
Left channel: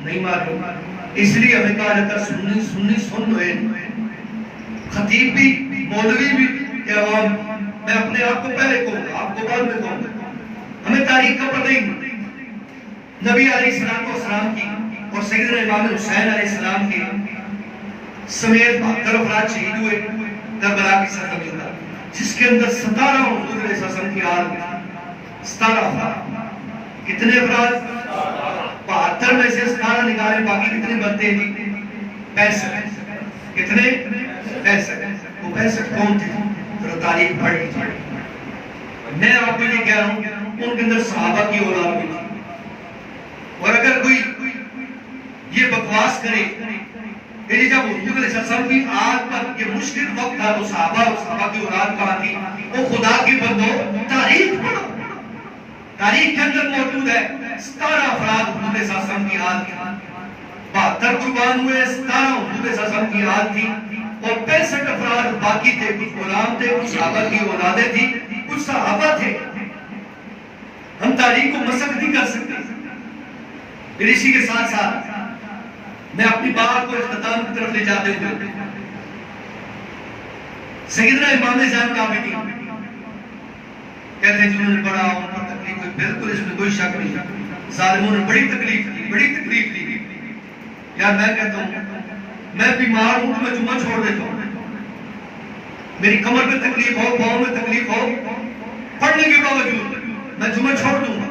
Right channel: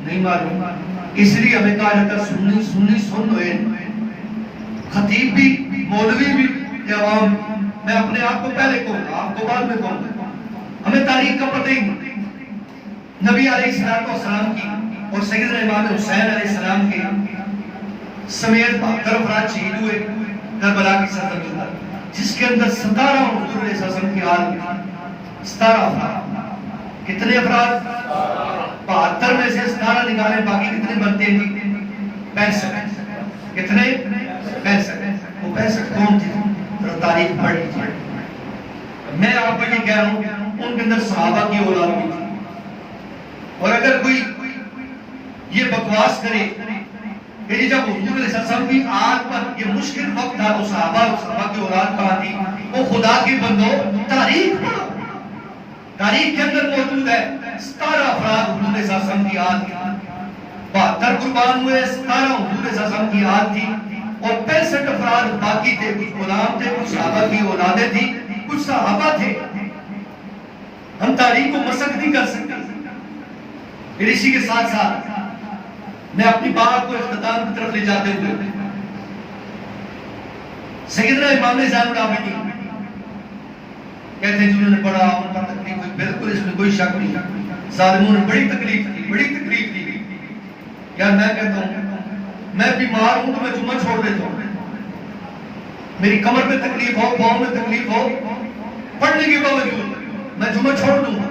نہیں معلوم، اس لیے ہمیں کہا جاتا سنی سنی سن ہوئے، خطیب بھی مولوی بھی عوام، میں اپنے آپ کو پہلے کہوں گا، آپ کو بعد میں کہوں گا، ہمیں تاریخ کا پتہ ہی نہیں۔ نبی علیہ السلام کی اور سیدنا امام حسین علیہ السلام کے سمیت 72 افراد شہید ہوئے کربلا کی سرزمین پر، جس کے اندر 17 حضور علیہ السلام کی آل میں 17 افراد، کتنے افراد؟ 72 میں سے 17 نکالے، باقی کتنے بنتے ہیں جی؟ 65۔ کتنے؟ 65۔ وہ 65 کون تھے؟ ذرا تاریخ پڑھ لیجیے۔ میں آپ کو یہ کہہ رہا ہوں ان کے اندر صحابہ کی اولاد بھی تھی، اور اگر کوئی یہ بکواس کرے کہ جب حضور علیہ السلام کی آل پر یہ مشکل وقت تھا تو صحابہ اور صحابہ کی اولاد کہاں تھی؟ وہ خدا کی بندو تاریخ پڑھو، تاریخ کے اندر موجود ہے 17 افراد حضور علیہ السلام کی آل تھی، 72 قربان ہوئے، 17 حضور علیہ السلام کی آل تھی، اور 65 افراد باقی تھے، کچھ غلام تھے، کچھ صحابہ کی اولادیں تھی، کچھ صحابہ تھے۔ ہم تاریخ کو مسخ نہیں کر سکتے۔ پھر اسی کے ساتھ ساتھ میں اپنی بات کو اختتام کی طرف لے جاتے ہوئے سیدنا امام زین العابدین کہتے ہیں جنہوں نے پڑھا ان پر تکلیف ہوئی، بالکل اس میں کوئی شک نہیں، ظالموں نے بڑی تکلیف دی، بڑی تکلیف دی۔ یار میں کہتا ہوں میں بیمار ہوں تو میں جمعہ چھوڑ دیتا ہوں، میری کمر میں تکلیف ہو، پاؤں میں تکلیف ہو، پڑھنے کے باوجود میں جمعہ چھوڑ دوں گا،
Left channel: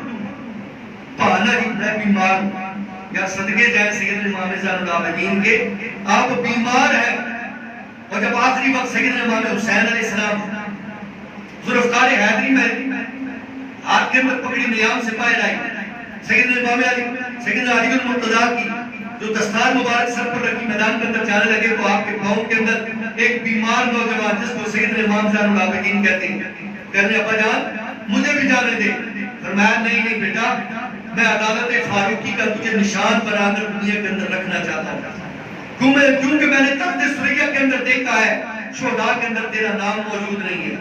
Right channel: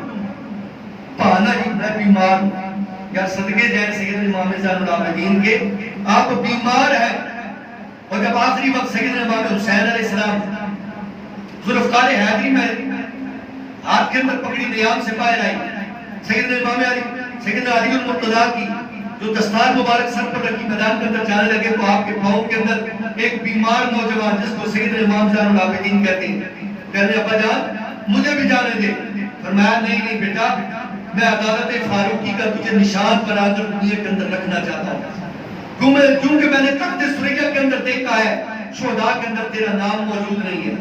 بہانہ ہی میں بیمار ہوں، یا صدقے جائیں سیدنا امام زین العابدین کے. آپ بیمار ہیں اور جب آخری وقت سیدنا امام حسین علیہ السلام ذوالفقار حیدری میں ہاتھ کے اندر پکڑی نیام سے پائے لائی, سیدنا امام علی سیدنا علی المرتضیٰ کی جو دستار مبارک سر پر رکھی میدان کے اندر جانے لگے تو آپ کے پاؤں کے اندر ایک بیمار نوجوان جس کو سیدنا امام زین العابدین کہتے ہیں, کہنے ابا جان مجھے بھی جانے دے. فرمایا نہیں بیٹا, میں عدالت فاروقی کا تجھے نشان بنا کر دنیا کے اندر رکھنا چاہتا ہوں, کیونکہ میں نے تخت سریا کے اندر دیکھا ہے شہداء کے اندر تیرا نام موجود نہیں ہے.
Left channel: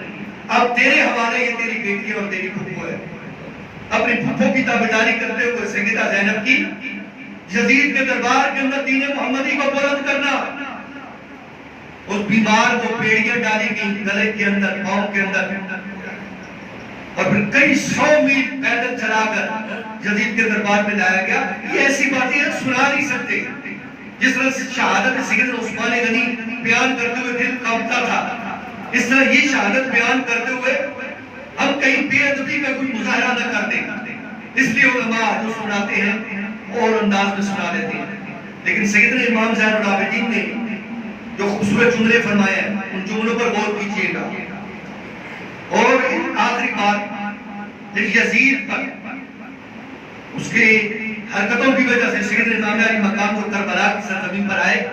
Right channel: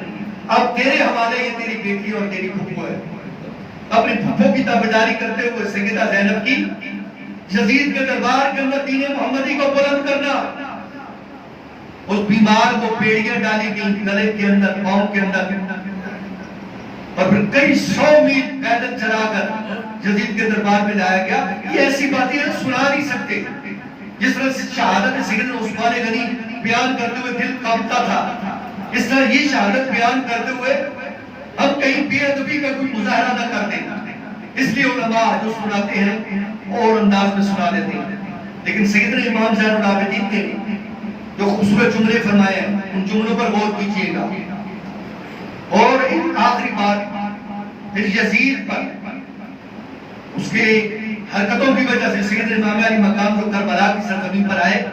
اب تیرے حوالے یہ تیری بیٹی اور تیری پھپھو ہے. اپنی پھپھو کی تابعداری کرتے ہوئے سیدہ زینب کی یزید کے دربار کے اندر دین محمدی کو بلند کرنا. اس بیمار کو بیڑیاں ڈالی گئی گلے کے اندر, پاؤں کے اندر, اور پھر کئی 100 میل پیدل چلا کر یزید کے دربار میں لایا گیا. یہ ایسی باتیں سنا نہیں سکتے. جس طرح سے شہادت سیدنا عثمان غنی بیان کرتے ہوئے دل کانپتا تھا, اس طرح یہ شہادت بیان کرتے ہوئے ہم کہیں بے ادبی کا کوئی مظاہرہ نہ کر دیں. اس لیے علماء جو سناتے ہیں اور انداز میں سنا لیتے ہیں. لیکن سیدنا امام زین العابدین نے جو خوبصورت جملے فرمائے ہیں ان جملوں پر غور کیجئے گا. اور آخری بات یزید پر اس کے حرکتوں کی وجہ سے سیدنا امام علی مقام کو کربلا کی سرزمین پر آئے.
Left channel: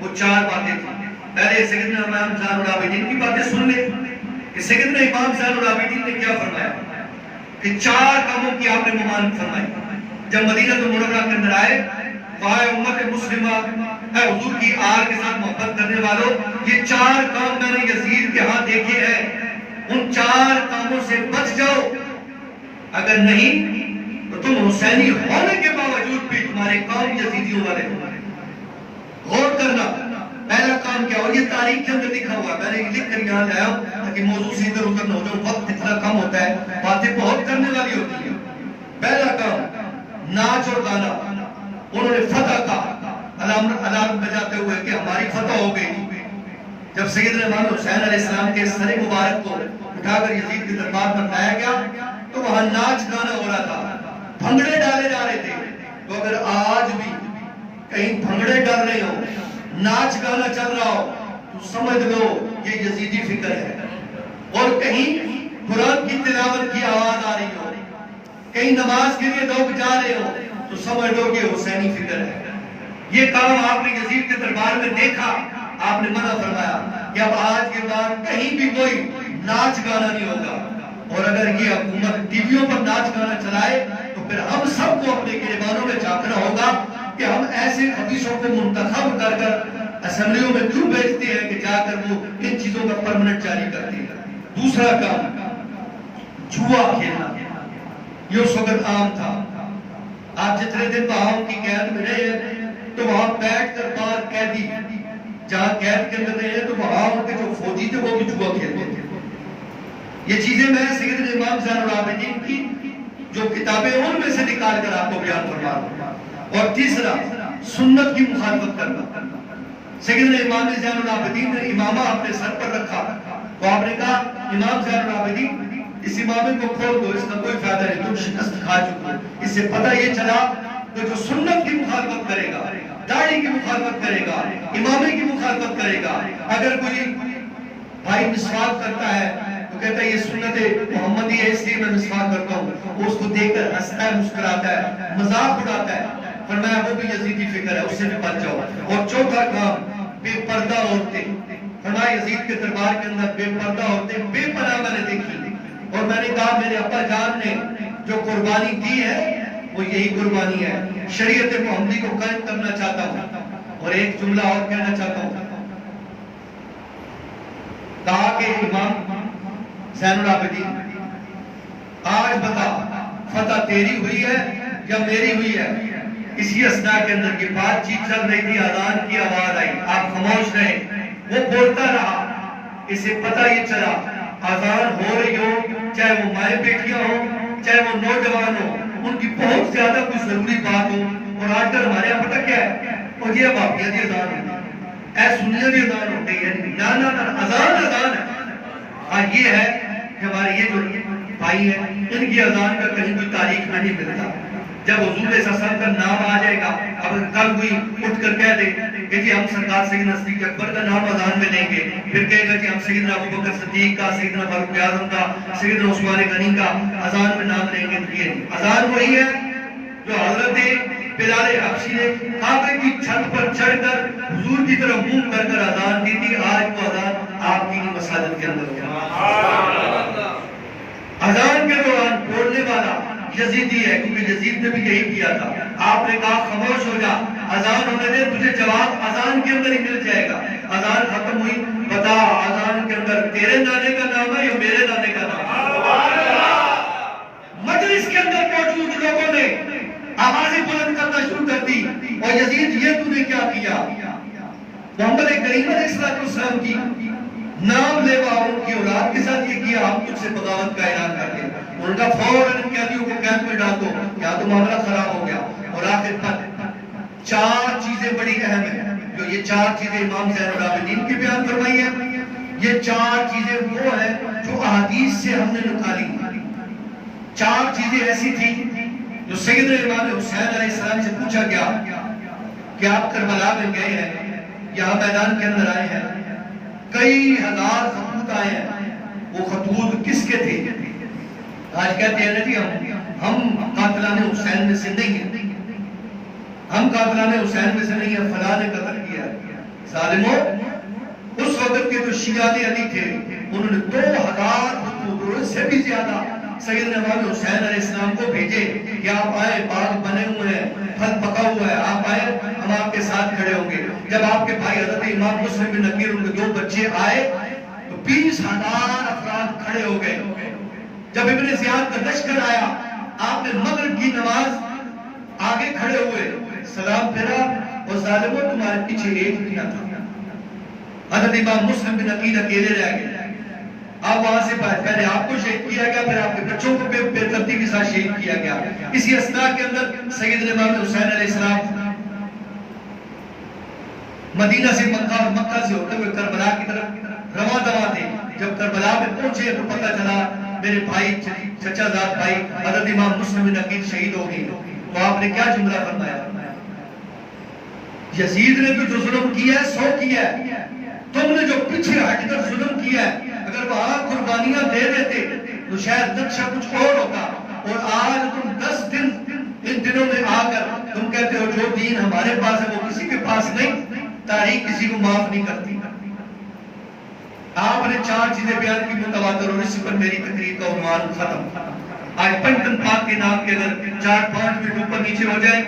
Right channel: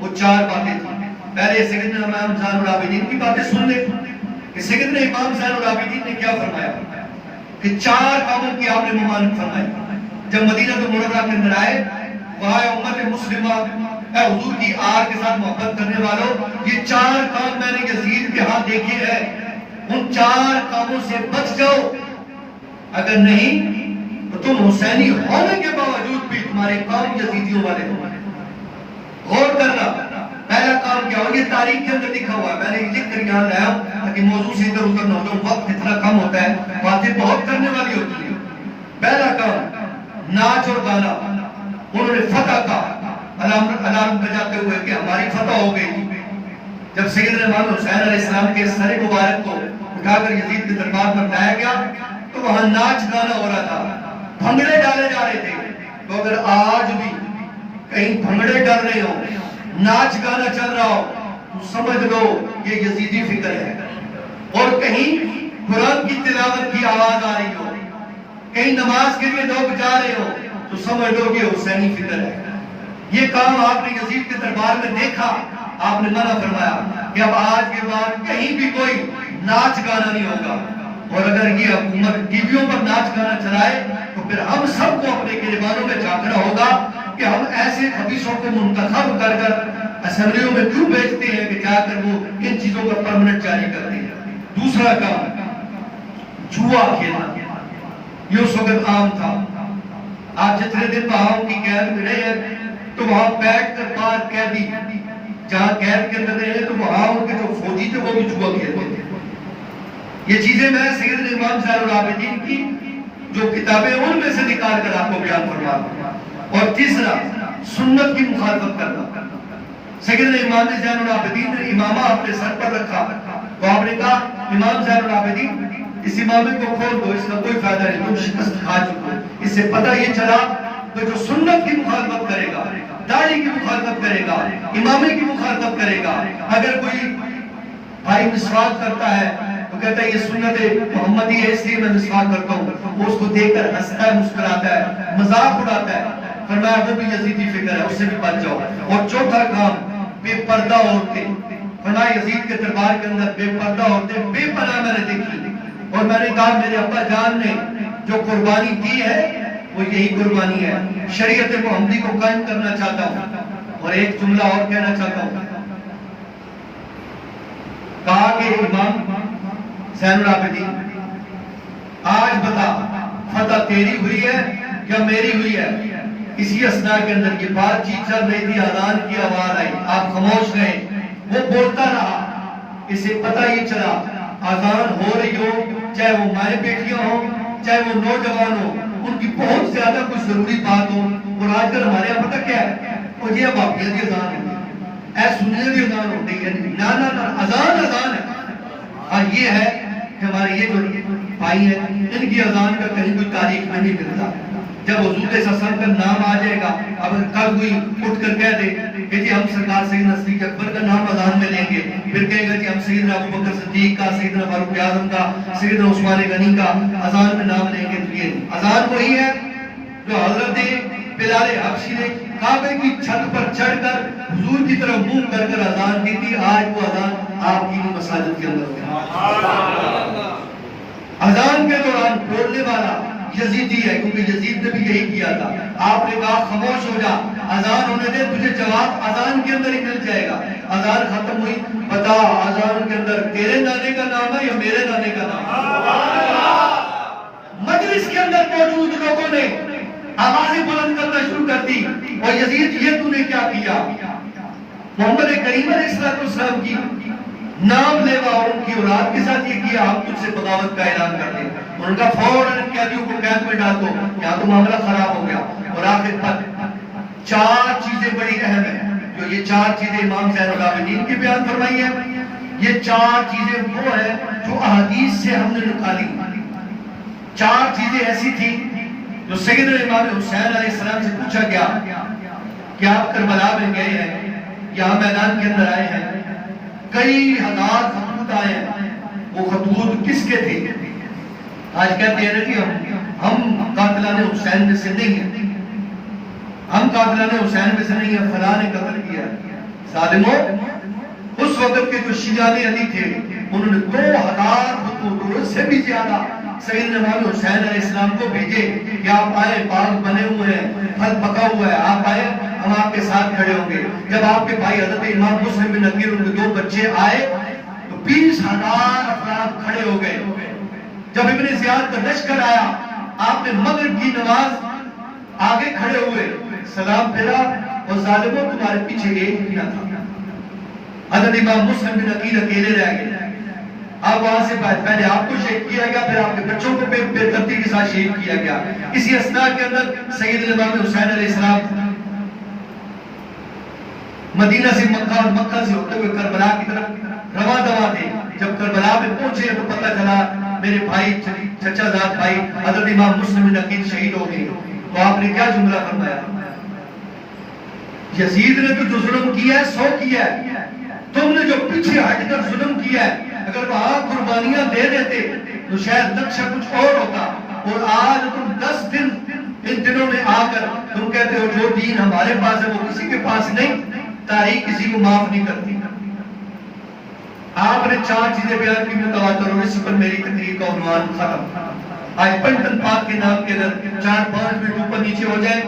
وہ 4 باتیں تھیں. پہلے سیدنا امام زین العابدین کی باتیں سن لیں کہ سیدنا امام زین العابدین نے کیا فرمایا کہ 4 کاموں کی آپ نے ممانعت فرمائی. جب مدینہ منورہ کے اندر آئے, وہاں امت مسلمہ اے حضور کی آر کے ساتھ محبت کرنے والوں, یہ 4 کام میں نے یزید کے ہاں دیکھے ہیں, ان 4 کاموں سے بچ جاؤ. اگر نہیں تو تم حسینی ہونے کے باوجود بھی تمہارے کام یزیدیوں والے ہوں. غور کرنا, پہلا کام کیا ہو, یہ تاریخ کے اندر لکھا ہوا ہے, میں نے لکھ کر یہاں لایا تاکہ موضوع سے ادھر ادھر نہ ہو. وقت اتنا کم ہوتا ہے, باتیں بہت کرنے والی ہوتی ہیں. پہلا کام ناچ اور گانا. انہوں نے فتح کا الارم بجاتے ہوئے کہ ہماری فتح ہو گئی. جب سیدنا امام حسین علیہ السلام کے سر مبارک کو اٹھا کر یزید کے دربار میں لایا گیا تو وہاں ناچ گانا ہو رہا تھا, بھنگڑے ڈالے جا رہے تھے. تو اگر آج بھی کہیں بھنگڑے ڈال رہے ہو, ناچ گانا چل رہا ہو, تو سمجھ لو یہ یزیدی فکر ہے. اور کہیں قرآن کی تلاوت کی آواز آ رہی ہو, کہیں نماز کے لیے لوگ جا رہے ہو, تو سمجھ لو کہ حسینی فکر ہے. یہ کام آپ نے یزید کے دربار میں دیکھا, آپ نے منع فرمایا کہ اب آج کے بعد کہیں بھی کوئی ناچ گانا نہیں ہوگا. اور اگر یہ حکومت ٹی ویوں پر ناچ گانا چلائے تو پھر ہم سب کو اپنے گریبانوں میں جھانکنا ہوگا کہ ہم ایسے خبیثوں کو منتخب کر کر اسمبلیوں میں کیوں بھیجتے ہیں کہ جا کر وہ ان چیزوں کا پرمنٹ جاری کرتے ہیں. دوسرا کام جوا کھیلنا, یہ اس وقت عام تھا. آپ جتنے دن بہاؤں کی قید میں رہے ہیں تو وہاں بیٹھ کر باہر قیدی جہاں قید کے اندر رہے ہیں تو وہاں ان کے جو فوجی تھے وہ بھی جوا کھیلتے تھے. یہ چیزیں میں سیدنا امام زین العابدین کی جو کتابیں ان میں سے نکال کر آپ کو بیان فرما رہا ہوں. اور تیسرا سنت کی مخالفت کرنا. سیدنا امام زین العابدین نے امامہ اپنے سر پر رکھا تو آپ نے کہا امام زین العابدین اس امامے کو کھول دو, اس کا کوئی فائدہ نہیں, تم شکست کھا چکے. اس سے پتہ یہ چلا کہ جو سنت کی مخالفت کرے گا, داڑھی کی مخالفت کرے گا, امامے کی مخالفت کرے گا. اگر کوئی بھائی مسواک کرتا ہے تو کہتا ہے یہ سنت محمدی ہے اس لیے میں مسواک کرتا ہوں, وہ اس کو دیکھ کر ہنستا ہے, مسکراتا ہے, مذاق اڑاتا ہے. فرمایا وہ بھی یزیدی فکر ہے, اس سے بھی بچ جاؤ. اور چوتھا کام بے پردہ عورتیں. فرمایا یزید کے دربار کے اندر بے پردہ عورتیں بے پناہ میں نے دیکھی, اور میں نے کہا میرے ابا جان نے جو قربانی دی ہے وہ یہی قربانی ہے. شریعت محمدی کو قائم کرنا چاہتا ہوں. اور ایک جملہ اور کہنا چاہتا ہوں, کہا کہ امام زین العابدین آج بتا فتح تیری ہوئی ہے یا میری ہوئی ہے. اسی اثناء کے اندر یہ بات چیت چل رہی تھی, اذان کی آواز آئی, آپ خاموش رہے, وہ بولتا رہا. اسے پتہ یہ چلا اذان ہو رہی ہو, چاہے وہ مائیں بیٹیاں ہوں, چاہے وہ نوجوان ہوں, ان کی بہت زیادہ کوئی ضروری بات ہو. اور آج کل ہمارے یہاں پتہ کیا ہے, وہ یہ بابیہ دی اذان ہوئی, اے سنیہ دی اذان ہوتی ہے. نا اذان اذان ہے. اور یہ ہے کہ ہمارے یہ جو بھائی ہیں ان کی اذان کا کہیں کوئی تاریخ نہیں ملتا. جب حضور صلی اللہ علیہ وسلم کا نام آ جائے گا، اب کل کوئی اٹھ کر کہہ دے کہ جی ہم سرکار سیدنا صدیق اکبر کا نام اذان میں لیں گے، پھر کہے گا کہ ہم سیدنا ابوبکر صدیق کا، سیدنا فاروق اعظم کا، سیدنا عثمان غنی کا اذان میں نام لیں گے، یہ اذان وہی ہے جو حضرت بلال حبشی نے کعبے کی چھت پر چڑھ کر حضور کی طرف منہ کر کر اذان کی تھی، آج وہ اذان آپ کی مساجد کے اندر ہوگا۔ اذان کے دوران بولنے والا یزیدی ہے، کیونکہ یزید نے بھی یہی کیا تھا، آپ نے کہا خاموش ہو جا، اذان ہونے دے، تجھے جواب اذان کے اندر ہی مل جائے گا۔ اذان ختم ہوئی، بتا اذان کے اندر تیرے نانے کا نام ہے یا میرے نانے کا نام ہے؟ مجلس کے اندر موجود لوگوں نے آوازیں بلند کرنا شروع کر دی، اور یزید یہ تو نے کیا کیا؟ محمد کریم علیہ السلام کی نام لیوا اور ان کی اولاد کے ساتھ یہ کیا، ہم تجھ سے بغاوت کا اعلان کر لیں۔ ان کا فوراً ان قیدیوں کو قید میں ڈال دو، یہاں تو معاملہ خراب ہو گیا۔ اور آخر پر چار چیزیں بڑی اہم ہیں، جو یہ چار چیزیں امام زین العابدین کی بیان فرمائی ہیں۔ یہ چار چیزیں وہ ہیں جو احادیث سے ہم نے نکالی۔ چار چیزیں ایسی تھیں جو سیدنا امام حسین علیہ السلام سے پوچھا گیا کہ آپ کربلا میں گئے ہیں، یہاں میدان کے اندر آئے ہیں، کئی ہزار خطوط آئے ہیں، وہ خطوط کس کے تھے؟ آج کہتے ہیں نا جی ہم قاتلان حسین میں سے نہیں ہیں، ہم قاتلان حسین میں سے نہیں ہیں، فلاں نے قتل کیا۔ ظالموں، اس وقت کے جو شیعہ علی تھے انہوں نے 2000 خطوط اور اس سے بھی زیادہ سیدنا امام حسین علیہ السلام کو بھیجے کہ آپ آئے، باغ بنے ہوئے ہیں، پھل پکا ہوا ہے، آپ آئے، ہم آپ کے ساتھ کھڑے ہوں گے۔ جب آپ کے بھائی حضرت امام مسلم بن عقیل ان کے 2 بچے آئے تو 20,000 افراد کھڑے ہو گئے۔ جب ابن زیاد کا لشکر آیا، آپ نے مغرب کی نماز آگے کھڑے ہوئے، سلام پھیرا، اور ظالموں تمہارے پیچھے ایک بھی نہ تھا۔ حضرت امام مسلم بن عقیل اکیلے رہ گئے۔ اب وہاں سے پہلے آپ کو شہید کیا گیا، پھر آپ کے بچوں کو بے ترتیب کے ساتھ شہید کیا گیا۔ اسی اثناء کے اندر سیدنا امام حسین علیہ السلام مدینہ سے مکہ اور مکہ سے ہوتے ہوئے کربلا کی طرف رواں دواں تھے۔ جب کربلا میں پہنچے تو پتہ چلا میرے بھائی، چچا زاد بھائی حضرت امام مسلم بن عقیل شہید ہو گئے۔ تو آپ نے کیا جملہ فرمایا؟ یزید نے تو جو ظلم کیا ہے 100 کیا ہے، تم نے جو پیچھے ہٹ کر ظلم کیا ہے، اگر وہاں قربانیاں دے دیتے تو شاید نقشہ کچھ اور ہوتا۔ اور آج تم 10 دن ان دنوں میں آ کر تم کہتے ہو جو دین ہمارے پاس ہے وہ کسی کے پاس نہیں، تاریخ کسی کو معاف نہیں کرتی۔ آپ نے 4 چیزیں بیان کی متواتر، اور اس پر میری تقریر کا عنوان ختم۔ آج پنٹن پاک کے نام کے اگر 4-5 منٹ اوپر نیچے ہو جائیں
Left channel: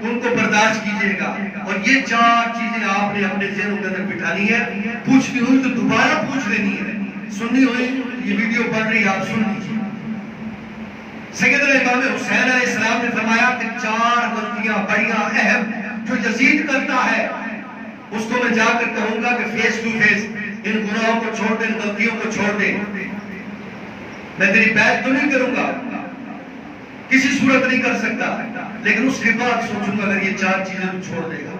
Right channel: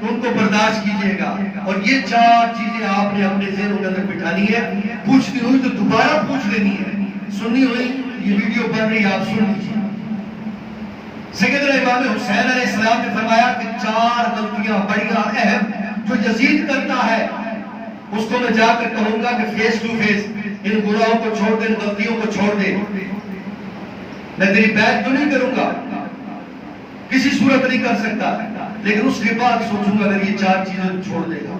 تو ان کو برداشت کیجئے گا، اور یہ 4 چیزیں آپ نے اپنے ذہنوں کے اندر بٹھانی ہے، پوچھنی ہوئی تو دوبارہ پوچھ لینی ہے، سننی ہوئی یہ ویڈیو بن رہی آپ سن لیجیے۔ سیدنا امام حسین علیہ السلام نے فرمایا کہ 4 غلطیاں بڑیاں اہم جو یزید کرتا ہے، اس کو میں جا کر کہوں گا کہ فیس ٹو فیس ان گناہوں کو چھوڑ دے، ان غلطیوں کو چھوڑ دے۔ میں تیری بیعت تو نہیں کروں گا، کسی صورت نہیں کر سکتا، لیکن اس کے بعد سوچوں گا اگر یہ 4 چیزیں تو چھوڑ دے گا،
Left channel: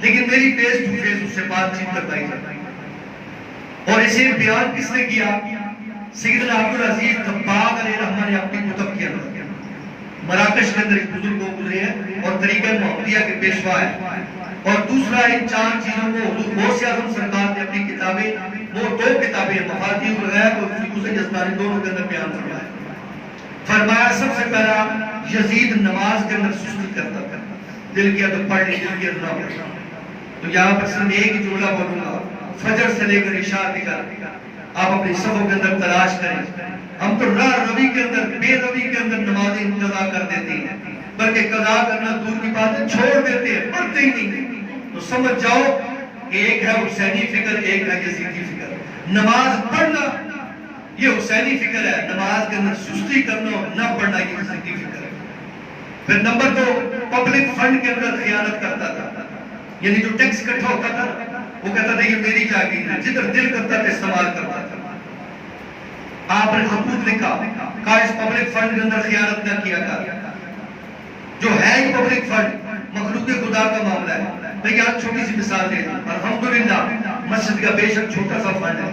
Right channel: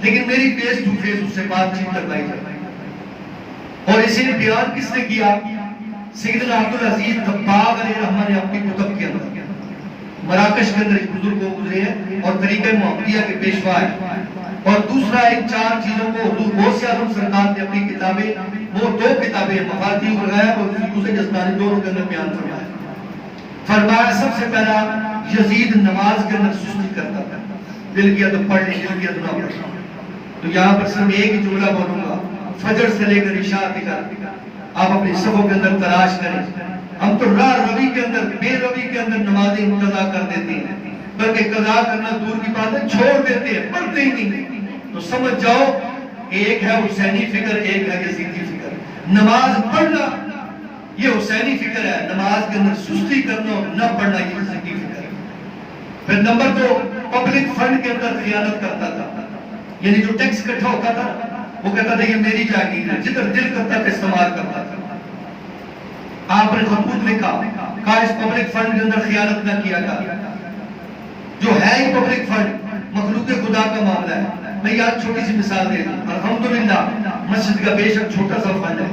لیکن میری فیس ٹو فیس اس سے بات چیت کرنا ہی ہے۔ اور اسے بیان کس نے کیا؟ سیدنا عبدالعزیز دباغ علیہ رحمہ نے اپنی کتب کے اندر، مراکش کے اندر ایک بزرگ کو گزرے ہیں اور طریقہ محمدیہ کے پیشوا ہیں۔ اور دوسرا ان 4 چیزوں کو حضور غوث اعظم سرکار نے اپنی کتابیں، وہ 2 کتابیں مفاتیح الغیب اور فقہ جسمانی دونوں کے اندر بیان فرمایا سب سے پہلا یزید نماز کے اندر سستی کرتا تھا، دل کیا تو پڑھ لیں، دل کیا تو نہ پڑھ۔ تو یہاں پر صرف ایک جملہ بولوں گا، فجر سے لے کر عشاء تک آپ اپنی صفوں کے اندر تلاش کریں۔ ہم تو راہ روی کے اندر، بے روی کے اندر نمازیں قضا کر دیتے ہیں، بلکہ قضا کرنا دور کی بات ہے، چھوڑ دیتے ہیں، پڑھتے ہی نہیں۔ تو سمجھ جاؤ ایک ہے حسینی فکر، ایک ہے یزیدی فکر۔ نماز پڑھنا یہ حسینی فکر ہے، نماز کے اندر سستی کرنا اور نہ پڑھنا یہ یزیدی فکر ہے۔ پھر نمبر 2، پبلک فنڈ کے اندر خیانت کرتا تھا، یعنی جو ٹیکس اکٹھا ہوتا تھا وہ کہتا تھا یہ میری جاگیر ہے، جدھر دل کرتا تھا استعمال کرتا تھا۔ آپ نے خطوط لکھا، کہا اس پبلک فنڈ کے اندر خیانت نہ کیا کر، جو ہے ہی پبلک فنڈ مخلوق خدا کا معاملہ ہے۔ میں یاد چھوٹی سی مثال دے دوں، الحمدللہ مسجد کا بے شک چھوٹا سا فنڈ ہے،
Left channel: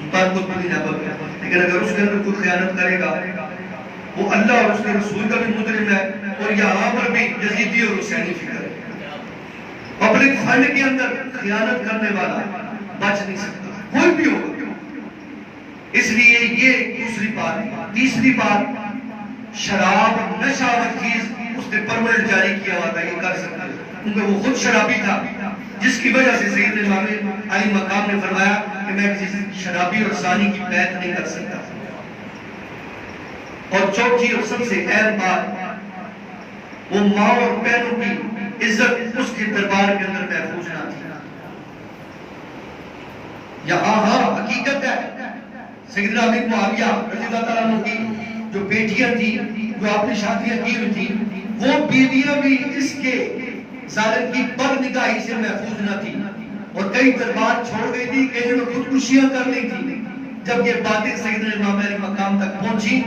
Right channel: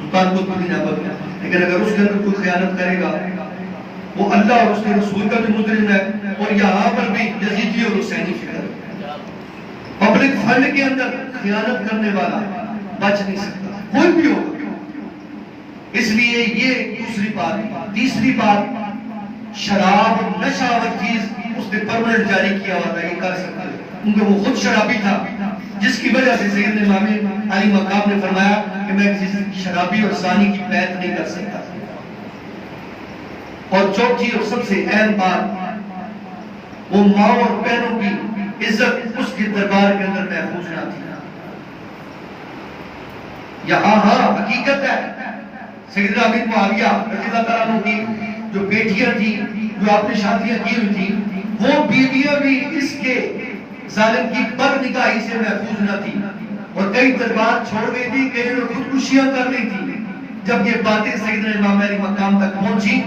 سلطان قطب الدین ایبک، لیکن اگر اس کے اندر کوئی خیانت کرے گا وہ اللہ اور اس کے رسول کا بھی مجرم ہے، اور یہاں پر بھی یزیدی اور حسینی فکر ہے۔ پبلک فنڈ کے اندر خیانت کرنے والا بچ نہیں سکتا، کوئی بھی ہوگا۔ اس لیے یہ دوسری بات۔ تیسری بات، شراب اور نشاور چیز اس نے پرمنٹ جاری کیا ہوا تھا، یہ کر سکتا ہے کیونکہ وہ خود شرابی تھا، جس کی وجہ سے سیدنا امام علی مقام نے فرمایا کہ میں کسی شرابی اور زانی کی بیعت نہیں کر سکتا۔ اور چوتھی اور سب سے اہم بات، وہ ماں اور بہنوں کی عزت اس کے دربار کے اندر محفوظ نہ تھی۔ یہاں ہاں حقیقت ہے، سیدنا ابی معاویہ رضی اللہ تعالیٰ عنہ کی جو بیٹیاں تھیں، جو آپ نے شادیاں کی ہوئی تھیں، وہ بیویاں بھی اس کے ظالم کی بد نگاہی سے محفوظ نہ تھی، اور کئی دربار چھوڑ گئی تھی، کئی لوگ خودکشیاں کر لی تھی۔ جب یہ باتیں سیدنا امام علی مقام تک پہنچی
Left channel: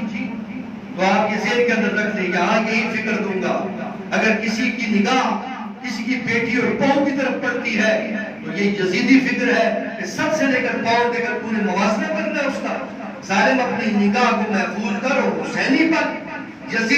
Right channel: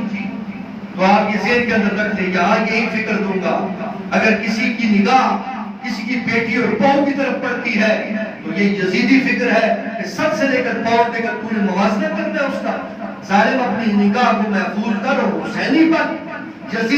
تو آپ یہ ذہن کے اندر رکھ دیں، یہاں یہی فکر دوں گا، اگر کسی کی نگاہ کسی کی بیٹی اور پاؤں کی طرف پڑتی ہے تو یہ یزیدی فکر ہے کہ سب سے لے کر پاؤں دے کر پورے موازنہ کرنا ہے اس کا۔ ظالم اپنی نگاہ کو محفوظ کرو، حسینی پر یزید